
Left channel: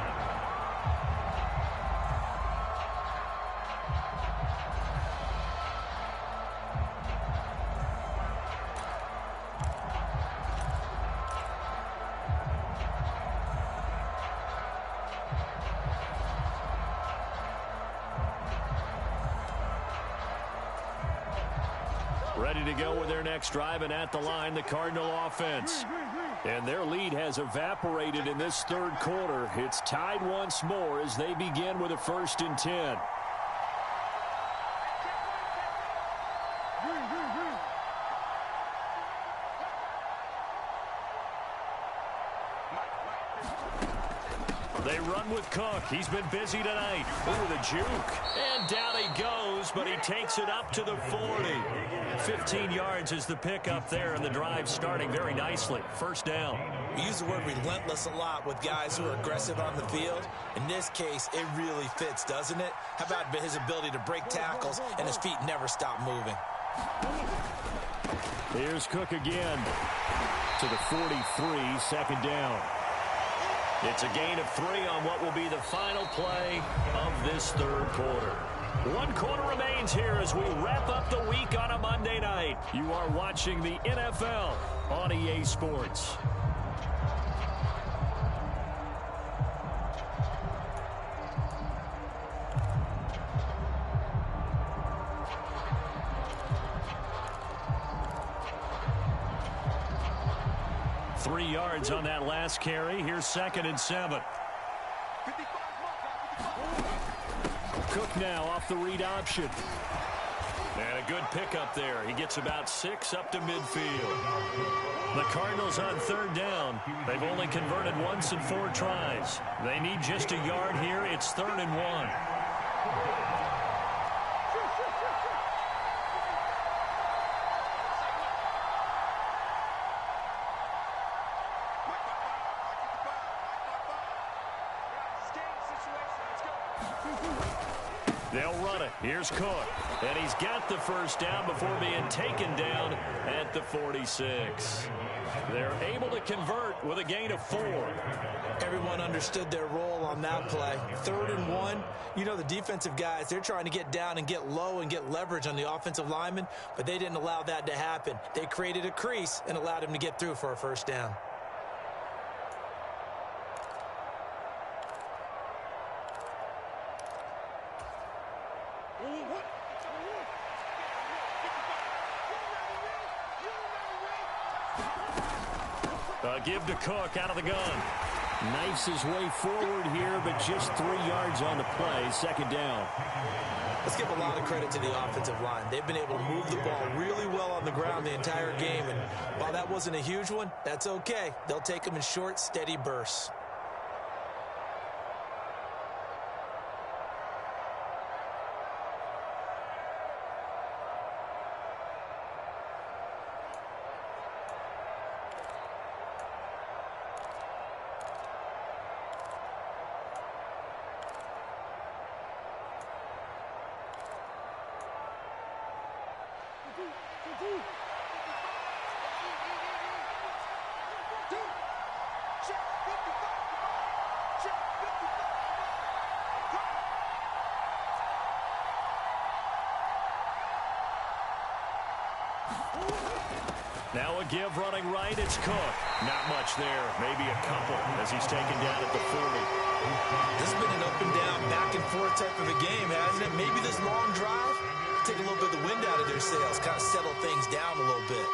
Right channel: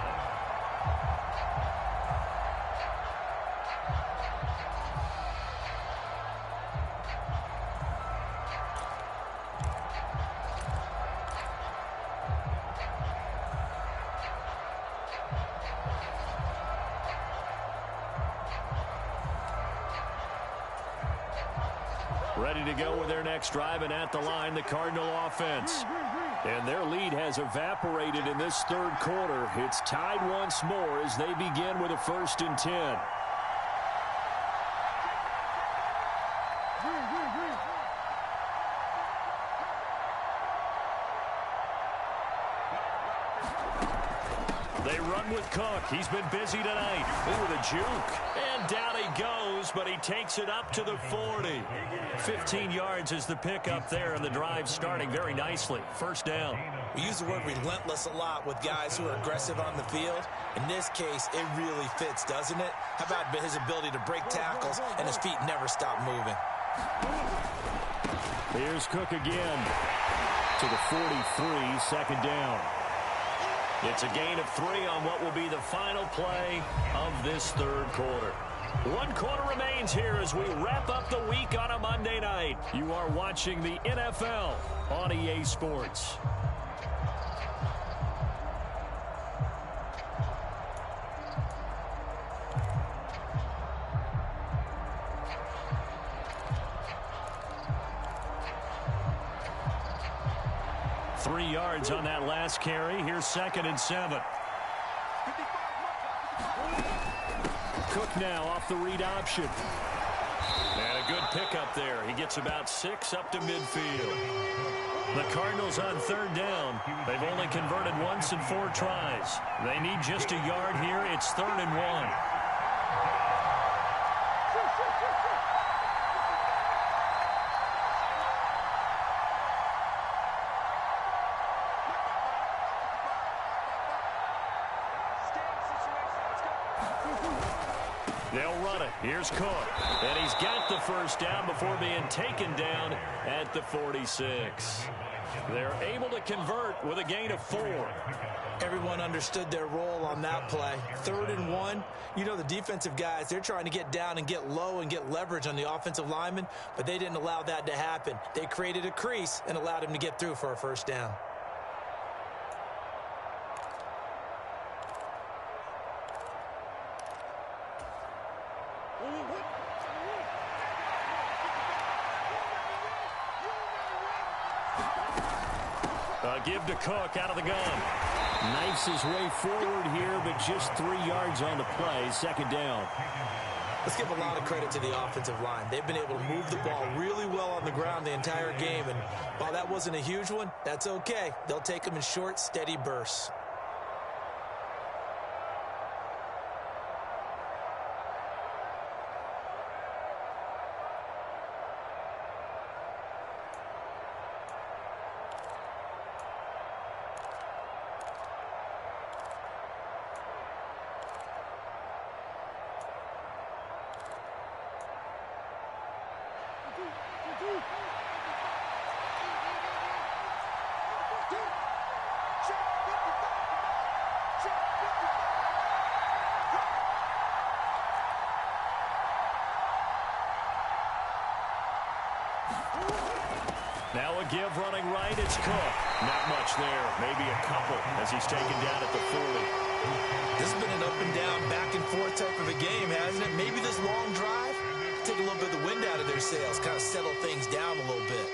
Ready to go with their next drive, and at the line, the Cardinal offense. And their lead has evaporated in this 3rd quarter. It's tied once more as they begin with a 1st and 10. They run with Cook. He's been busy tonight. Ooh, the juke. And down he goes, but he takes it up to the 40. 15 yards is the pickup there, and the drive starting very nicely. 1st down. We use the word relentless a lot with guys who are aggressive on the field. In this case, it really fits, doesn't it? How about his ability to break tackles and his feet never stop moving? Here's Cook again to the 43, 2nd down. It's a gain of 3 on what will be the final play of this 3rd quarter. 1 quarter remains here as we wrap up the week on a Monday night. You are watching the NFL on EA Sports. Three yards on that last carry. Here's 2nd and 7. Cook now off the read option. And a good pickup there. He gets about 6 up to midfield. The Cardinals on 3rd down. They've only converted once in 4 tries. They need just a yard here. It's 3rd and 1. They'll run it. Here's Cook. And he's got the first down before being taken down at the 46. They're able to convert with a gain of 4. Everyone understood their role on that play. 3rd and 1. You know, the defensive guys, they're trying to get down and get low and get leverage on the offensive lineman, but they didn't allow that to happen. They created a crease and allowed him to get through for a first down. Give to Cook out of the gun. Knifes his way forward here, but just 3 yards on the play. 2nd down. Let's give a lot of credit to the offensive line. They've been able to move the ball really well on the ground the entire game, and while that wasn't a huge one, that's okay. They'll take them in short, steady bursts. Now a give running right. It's Cook. Not much there. Maybe a couple as he's taken down at the 40. This has been an up and down, back and forth type of a game, hasn't it? Maybe this long drive, take a little bit of the wind out of their sails, kind of settle things down a little bit.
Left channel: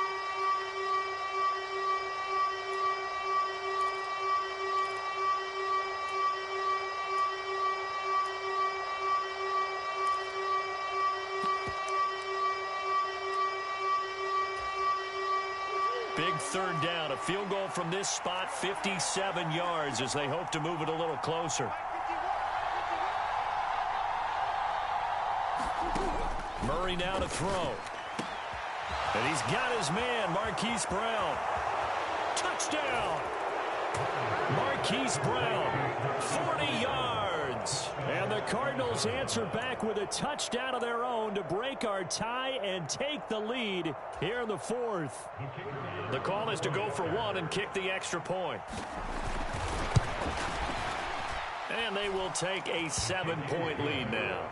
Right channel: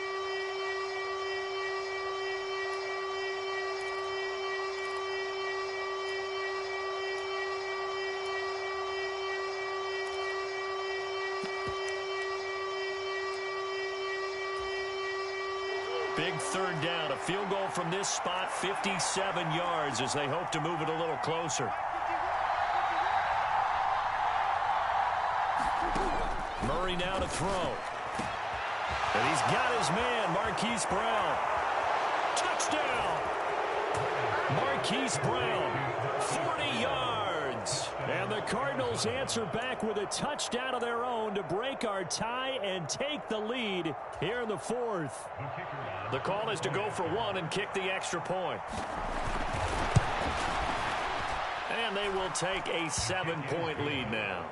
Big 3rd down. A field goal from this spot, 57 yards as they hope to move it a little closer. Murray now to throw. And he's got his man, Marquise Brown. Touchdown! Marquise Brown, 40 yards. And the Cardinals answer back with a touchdown of their own to break our tie and take the lead here in the 4th. The call is to go for 1 and kick the extra point. And they will take a 7-point lead now.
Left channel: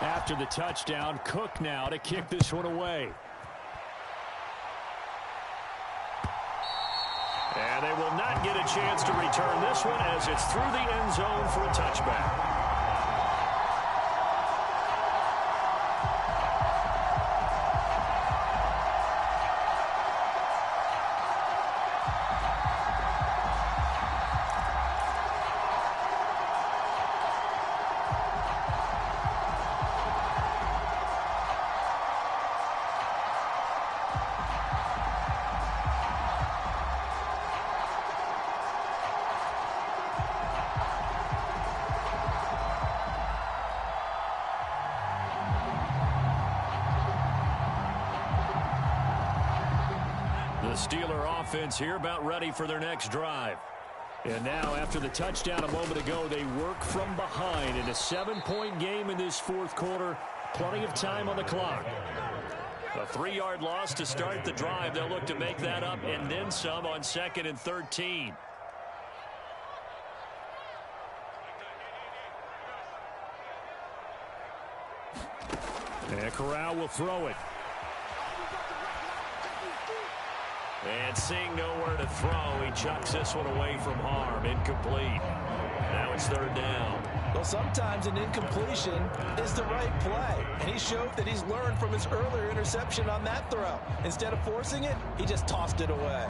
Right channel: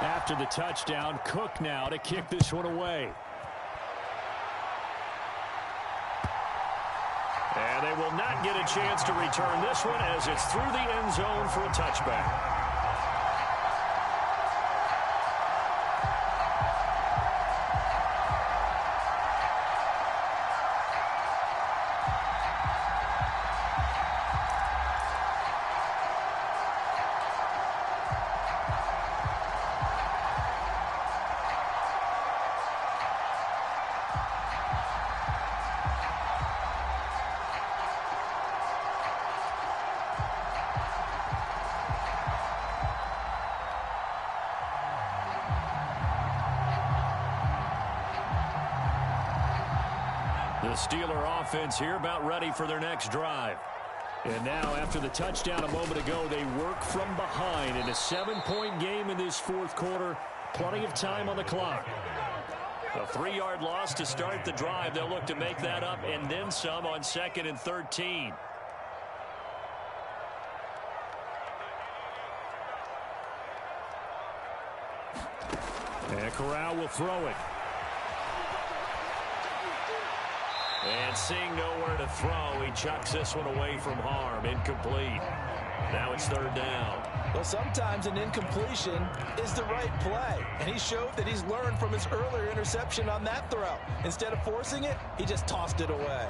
After the touchdown, Cook now to kick this one away. And they will not get a chance to return this one as it's through the end zone for a touchback. The Steeler offense here about ready for their next drive. And now after the touchdown a moment ago, they work from behind in a 7-point game in this 4th quarter. Plenty of time on the clock. A 3-yard loss to start the drive. They'll look to make that up and then some on 2nd and 13. And Corral will throw it. And seeing nowhere to throw, he chucks this one away from harm. Incomplete. Now it's 3rd down. Well, sometimes an incompletion is the right play. And he showed that he's learned from his earlier interception on that throw. Instead of forcing it, he just tossed it away.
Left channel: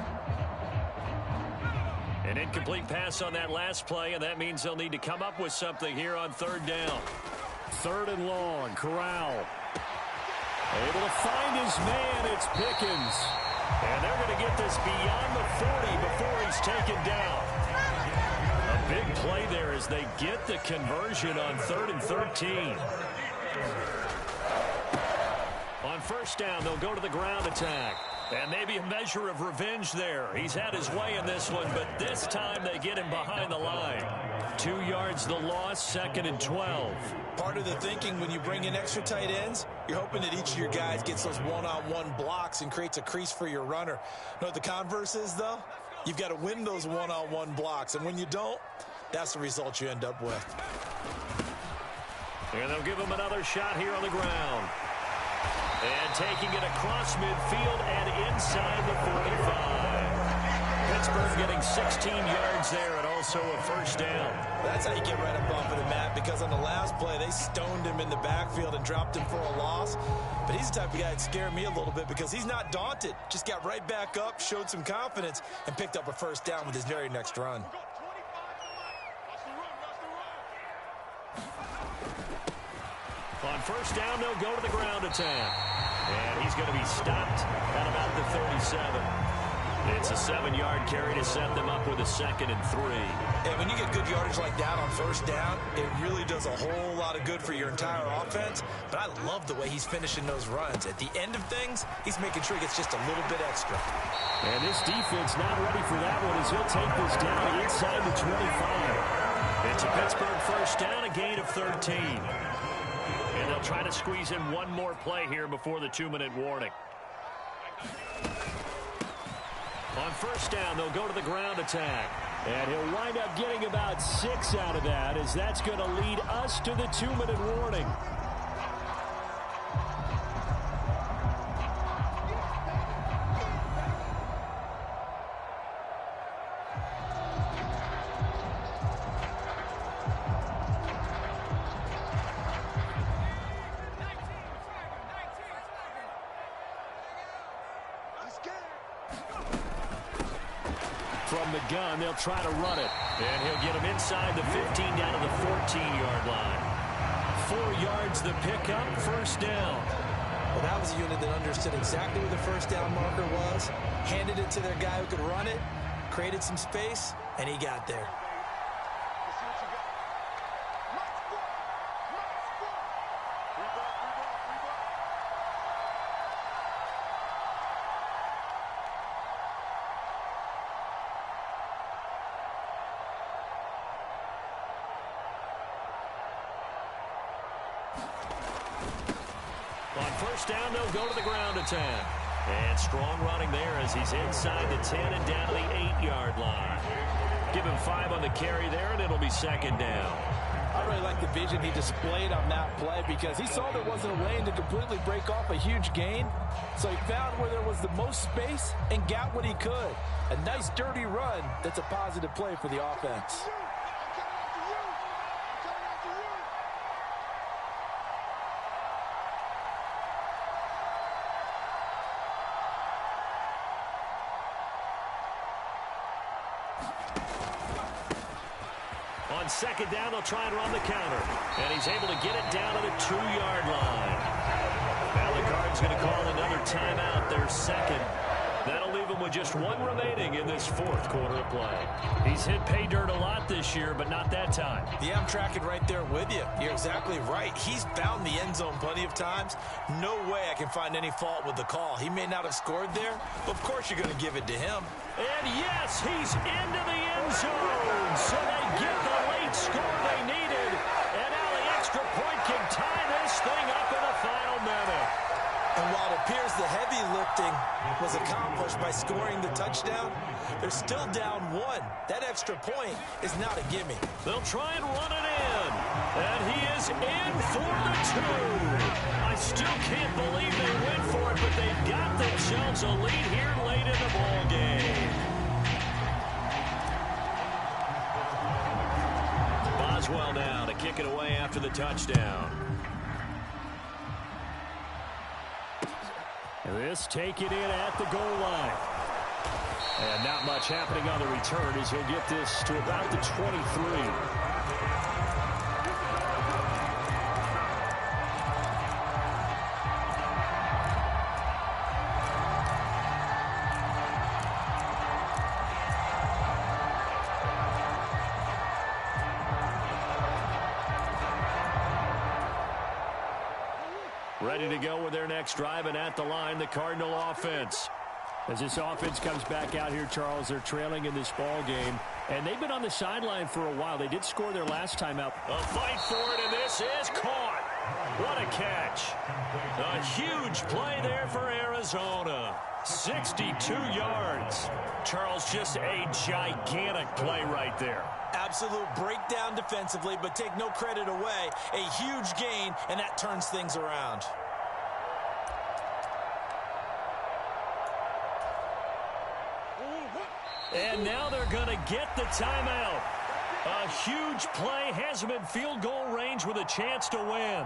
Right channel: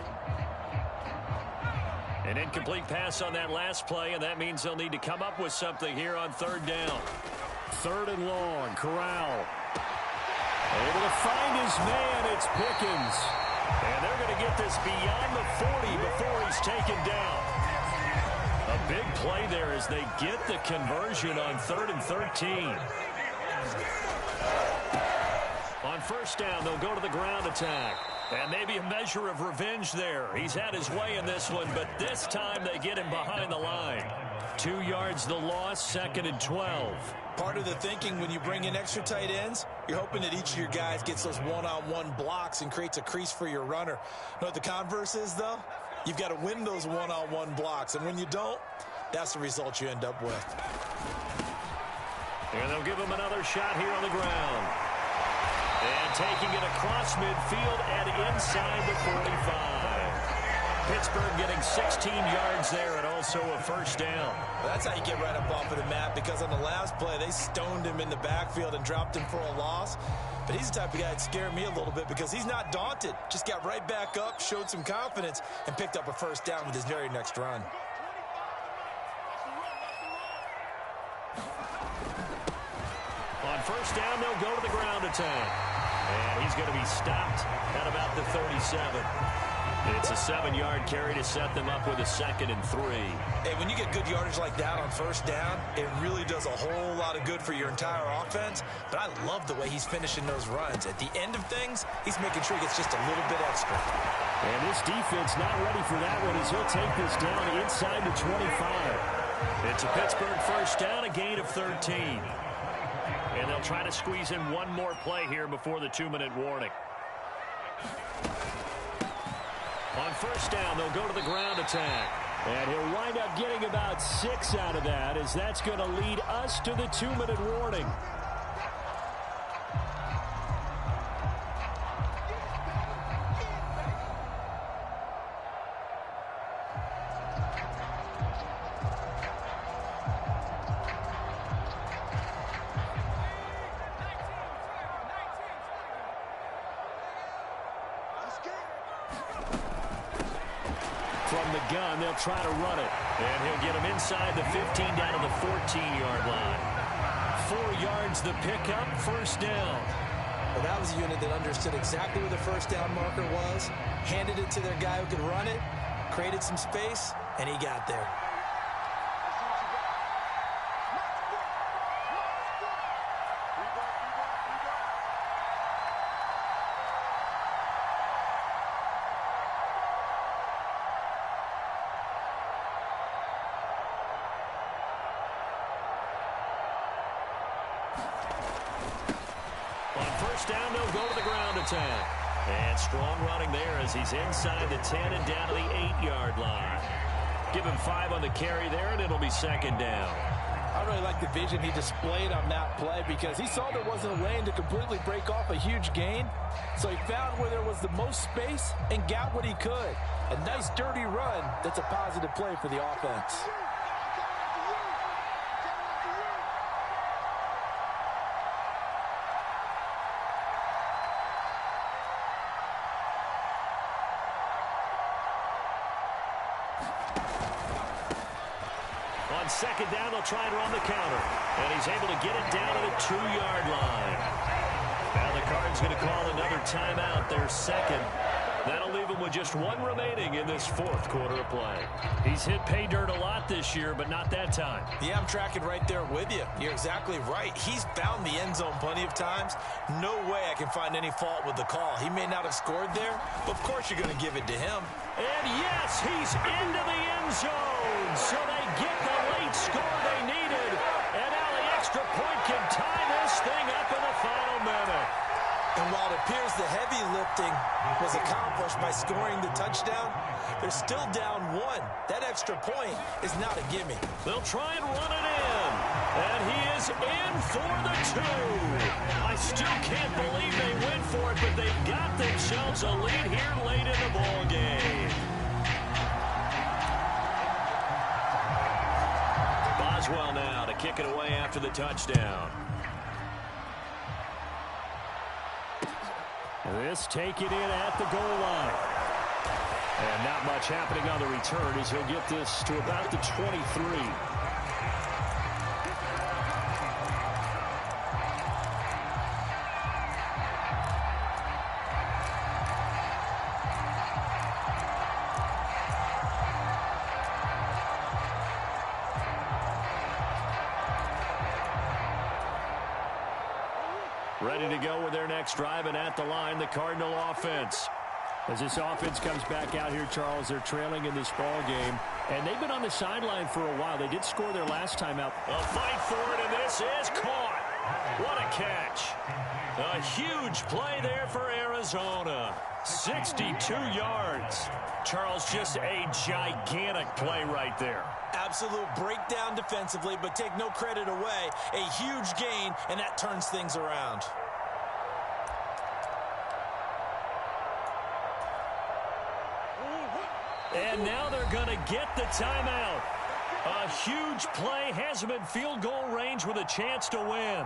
An incomplete pass on that last play, and that means they'll need to come up with something here on 3rd down. 3rd and long. Corral able to find his man. It's Pickens. And they're going to get this beyond the 40 before he's taken down. A big play there as they get the conversion on 3rd and 13. On 1st down, they'll go to the ground attack. And maybe a measure of revenge there. He's had his way in this one, but this time they get him behind the line. 2 yards the loss, 2nd and 12. Part of the thinking when you bring in extra tight ends, you're hoping that each of your guys gets those one-on-one blocks and creates a crease for your runner. You know what the converse is, though? You've got to win those one-on-one blocks, and when you don't, that's the result you end up with. And they'll give him another shot here on the ground. And taking it across midfield and inside the 45. Pittsburgh getting 16 yards there and also a first down. Well, that's how you get right up off of the mat, because on the last play, they stoned him in the backfield and dropped him for a loss. But he's the type of guy that scared me a little bit because he's not daunted. Just got right back up, showed some confidence, and picked up a first down with his very next run. On first down, they'll go to the ground attack. And he's going to be stopped at about the 37. It's a 7-yard carry to set them up with a 2nd and 3. Hey, when you get good yardage like that on first down, it really does a whole lot of good for your entire offense. But I love the way he's finishing those runs. At the end of things, he's making sure he gets just a little bit extra. And this defense not ready for that one as he'll take this down inside the 25. It's a Pittsburgh first down, a gain of 13. And they'll try to squeeze in one more play here before the 2-minute warning. On first down, they'll go to the ground attack. And he'll wind up getting about 6 out of that, as that's going to lead us to the 2-minute warning. From the gun, they'll try to run it. And he'll get him inside the 15 down to the 14-yard line. 4 yards the pickup, first down. Well, that was a unit that understood exactly where the first down marker was, handed it to their guy who could run it, created some space, and he got there. On first down, they'll go to the ground attack. And strong running there as he's inside the 10 and down to the 8-yard line. Give him 5 on the carry there, and it'll be 2nd down. I really like the vision he displayed on that play because he saw there wasn't a lane to completely break off a huge gain. So he found where there was the most space and got what he could. A nice dirty run that's a positive play for the offense. On 2nd down, they'll try and run the counter. And he's able to get it down to the 2-yard line. Now the Cards going to call another timeout, their second. That'll leave him with just 1 remaining in this 4th quarter of play. He's hit pay dirt a lot this year, but not that time. Yeah, I'm tracking right there with you. You're exactly right. He's found the end zone plenty of times. No way I can find any fault with the call. He may not have scored there, but of course you're going to give it to him. And yes, he's into the end zone. So they get the late score they needed. And now the extra point can tie this thing up in the final minute. And while it appears the heavy lifting was accomplished by scoring the touchdown, they're still down 1. That extra point is not a gimme. They'll try and run it in. And he is in for the 2. I still can't believe they went for it, but they've got themselves a lead here late in the ball game. Boswell now to kick it away after the touchdown. This taken in at the goal line. And not much happening on the return as he'll get this to about the 23. Ready to go with their next drive, and at the line, the Cardinal offense. As this offense comes back out here, Charles, they're trailing in this ball game, and they've been on the sideline for a while. They did score their last time out. A fight for it, and this is caught. What a catch. A huge play there for Arizona. 62 yards. Charles, just a gigantic play right there. Absolute breakdown defensively, but take no credit away. A huge gain, and that turns things around. And now they're going to get the timeout. A huge play has them in field goal range with a chance to win.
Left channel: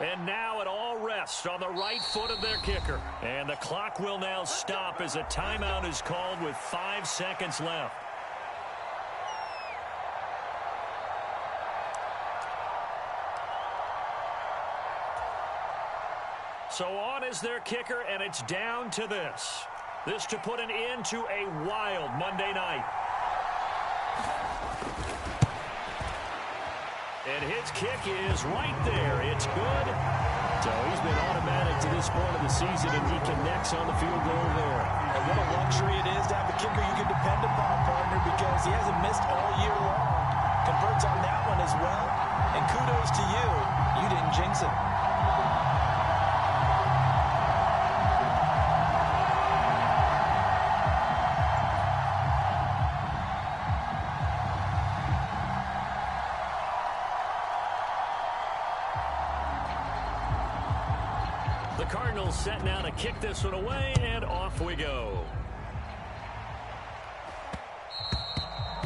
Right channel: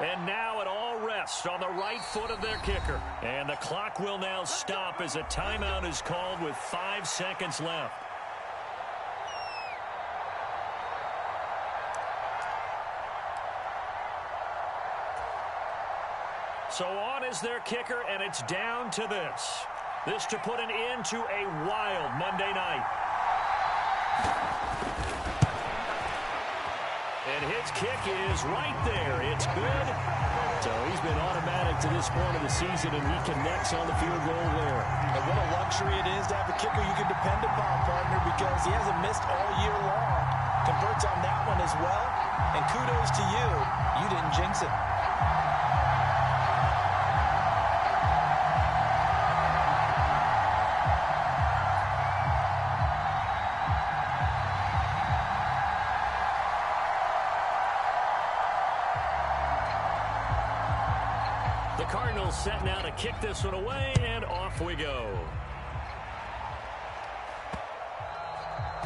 And now it all rests on the right foot of their kicker. And the clock will now stop as a timeout is called with 5 seconds left. So on is their kicker, and it's down to this. This to put an end to a wild Monday night. And his kick is right there. It's good. So he's been automatic to this point of the season, and he connects on the field goal there. And what a luxury it is to have a kicker you can depend upon, partner, because he hasn't missed all year long. Converts on that one as well. And kudos to you. You didn't jinx it. The Cardinals set now to kick this one away, and off we go.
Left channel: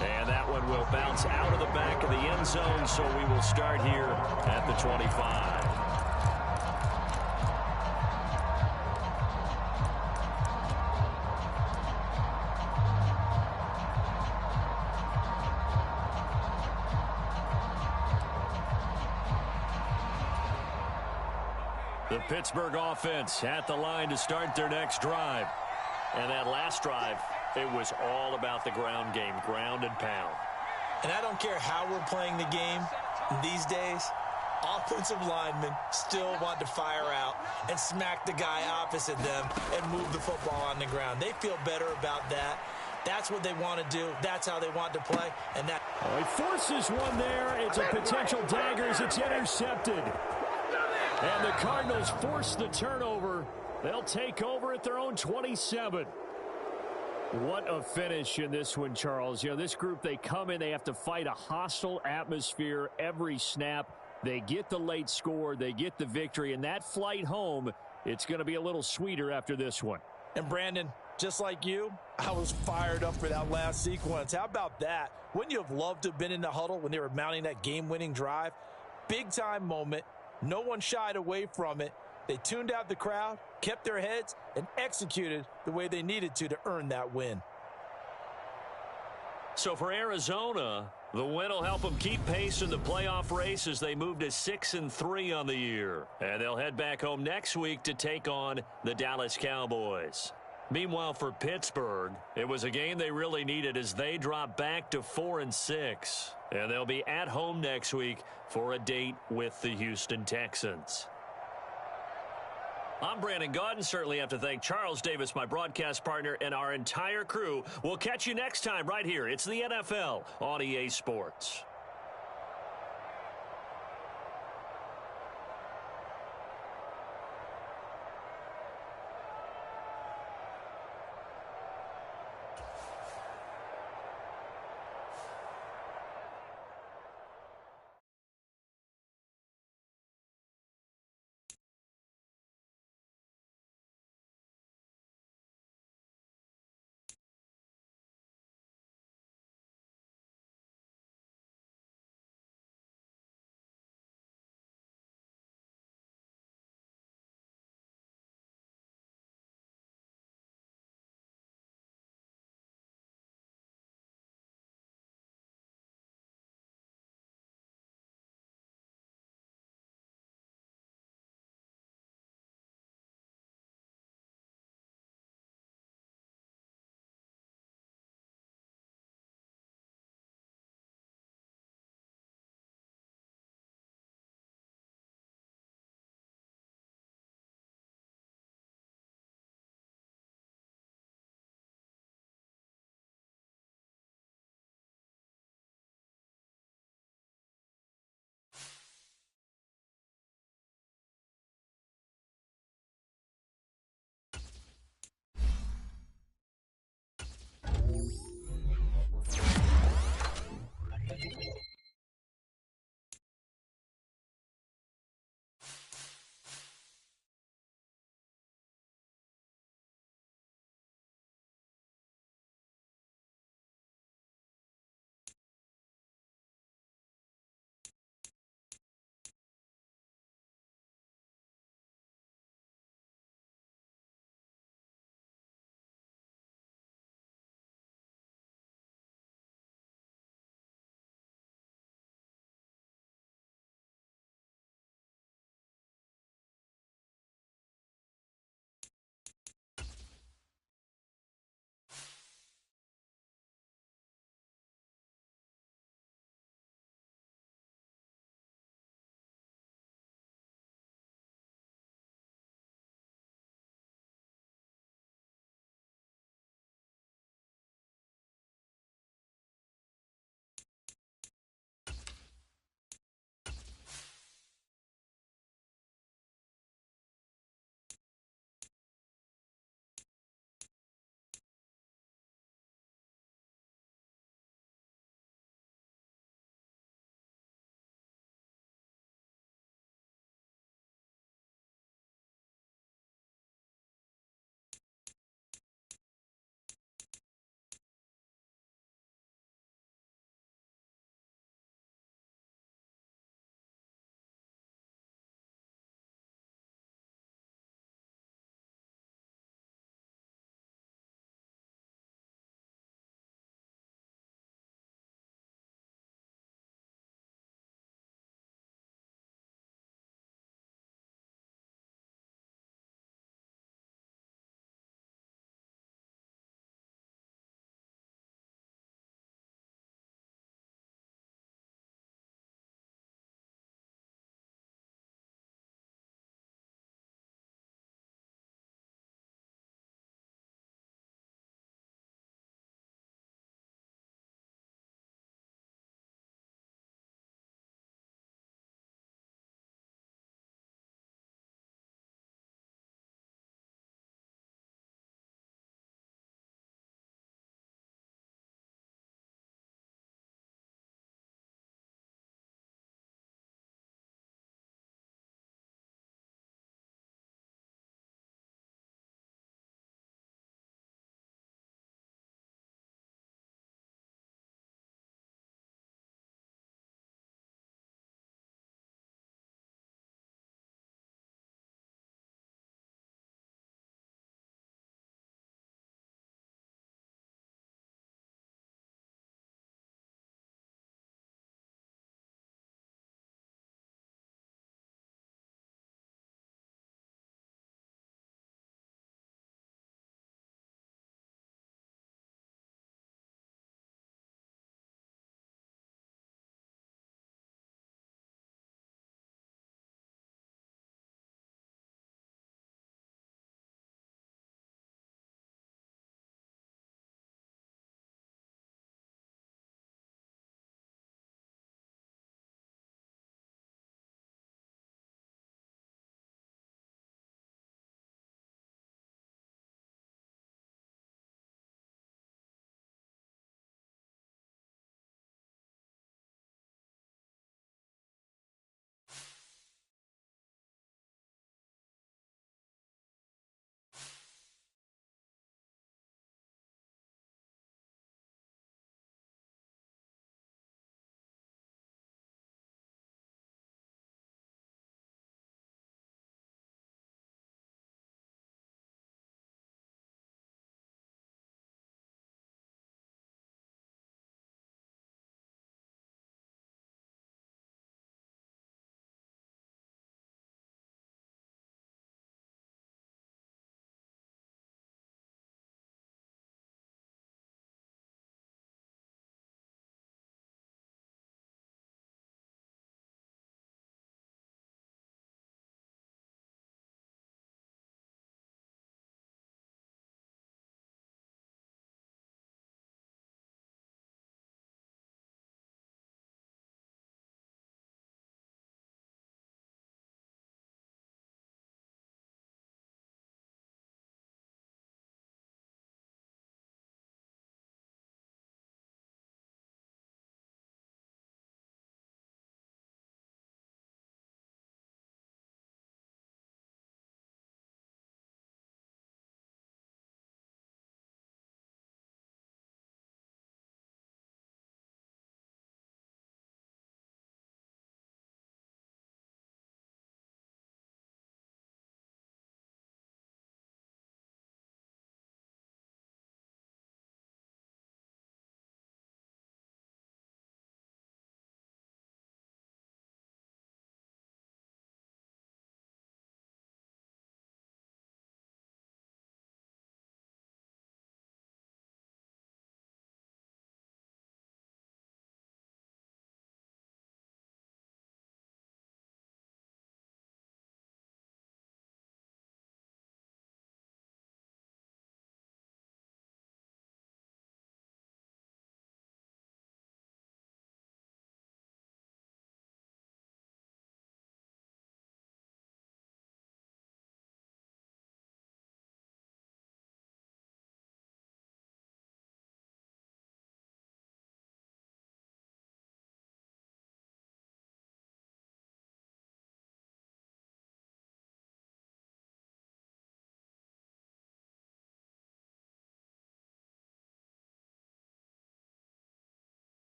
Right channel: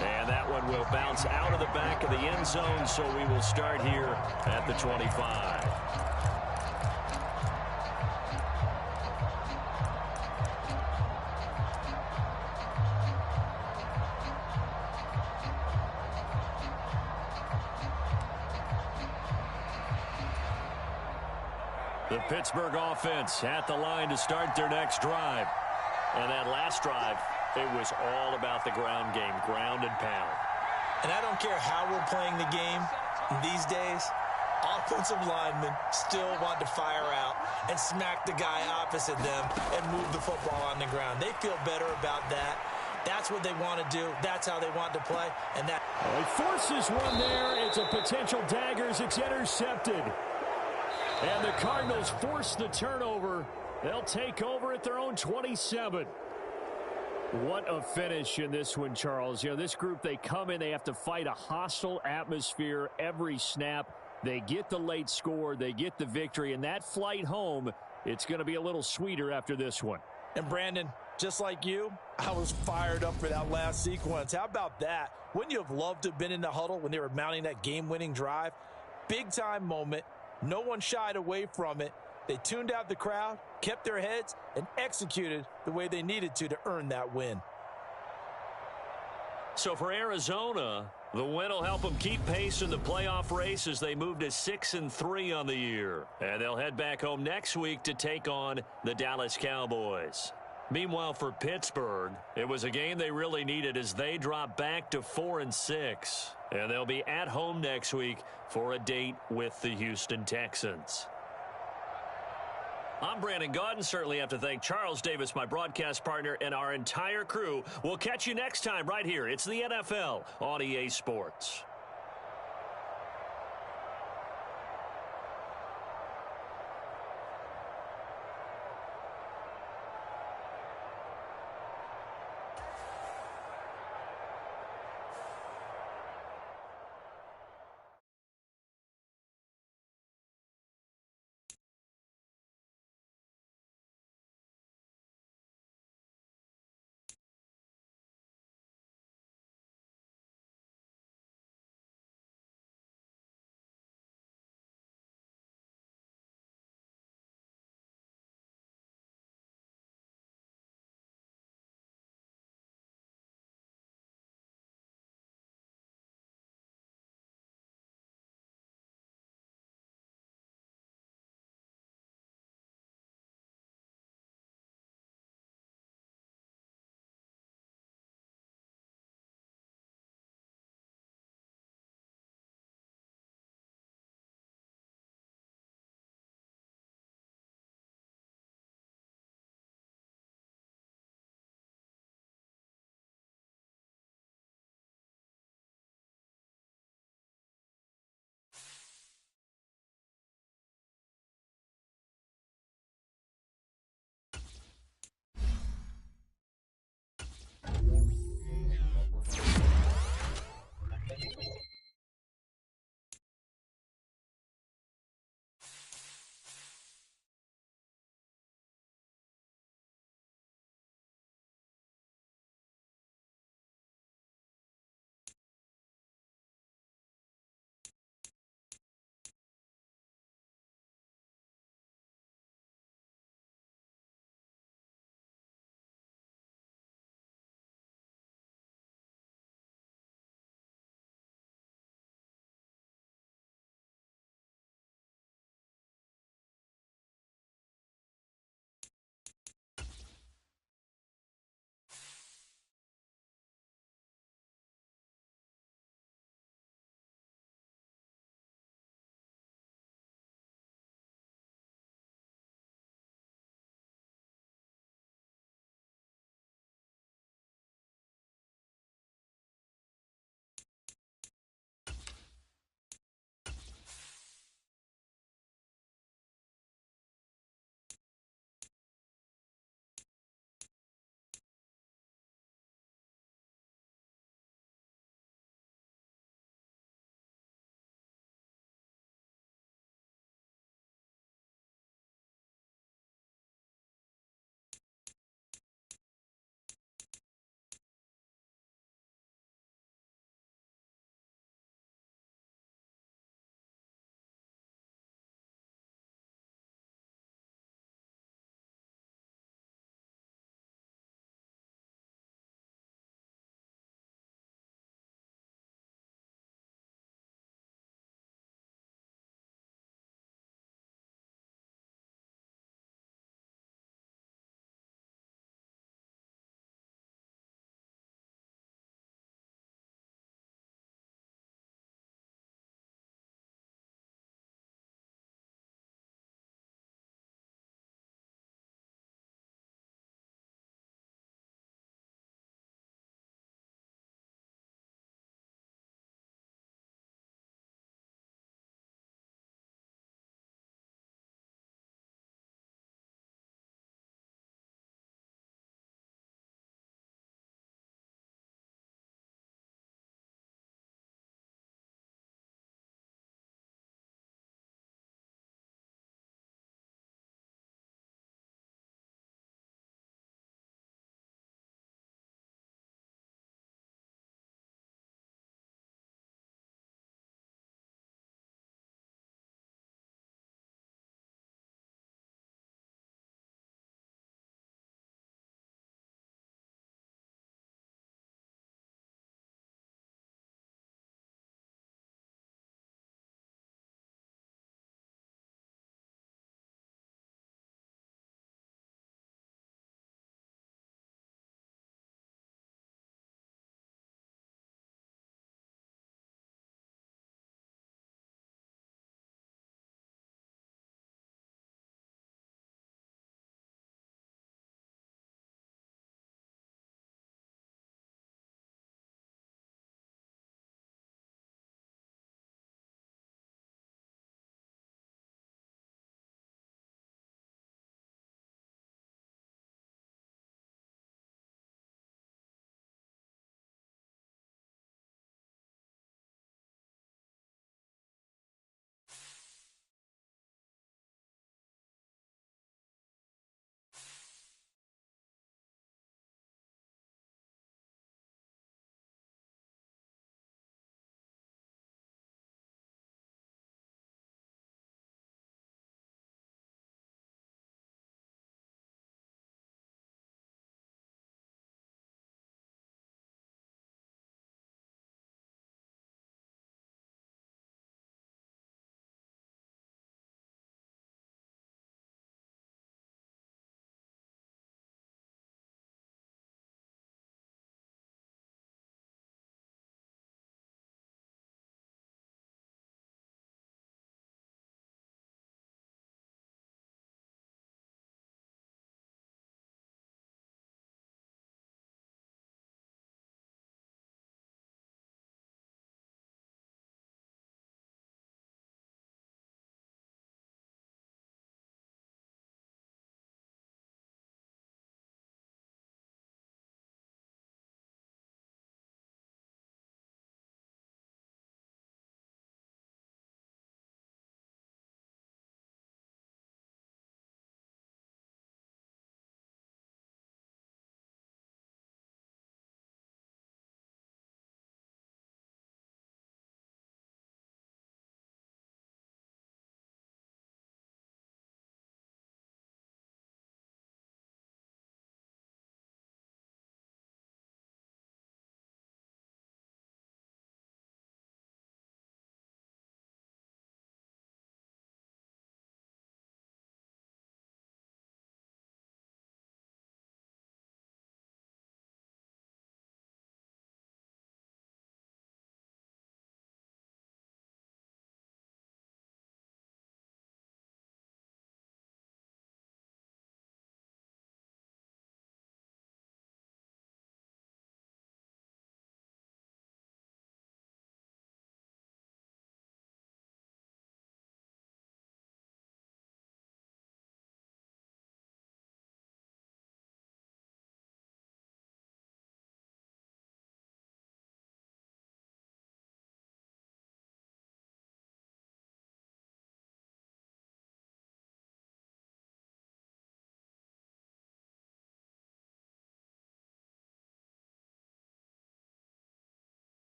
And that one will bounce out of the back of the end zone, so we will start here at the 25. The Pittsburgh offense at the line to start their next drive. And that last drive, it was all about the ground game, ground and pound. And I don't care how we're playing the game these days, offensive linemen still want to fire out and smack the guy opposite them and move the football on the ground. They feel better about that. That's what they want to do. That's how they want to play. And that. Oh, he forces one there. It's a potential dagger as it's intercepted. And the Cardinals force the turnover. They'll take over at their own 27. What a finish in this one, Charles. You know, this group, they come in, they have to fight a hostile atmosphere every snap. They get the late score, they get the victory, and that flight home, it's going to be a little sweeter after this one. And Brandon, just like you, I was fired up for that last sequence. How about that? Wouldn't you have loved to have been in the huddle when they were mounting that game-winning drive? Big-time moment. No one shied away from it. They tuned out the crowd, kept their heads, and executed the way they needed to earn that win. So for Arizona, the win will help them keep pace in the playoff race as they move to 6-3 on the year. And they'll head back home next week to take on the Dallas Cowboys. Meanwhile, for Pittsburgh, it was a game they really needed as they drop back to 4-6. And they'll be at home next week for a date with the Houston Texans. I'm Brandon Gaudin. Certainly have to thank Charles Davis, my broadcast partner, and our entire crew. We'll catch you next time right here. It's the NFL on EA Sports.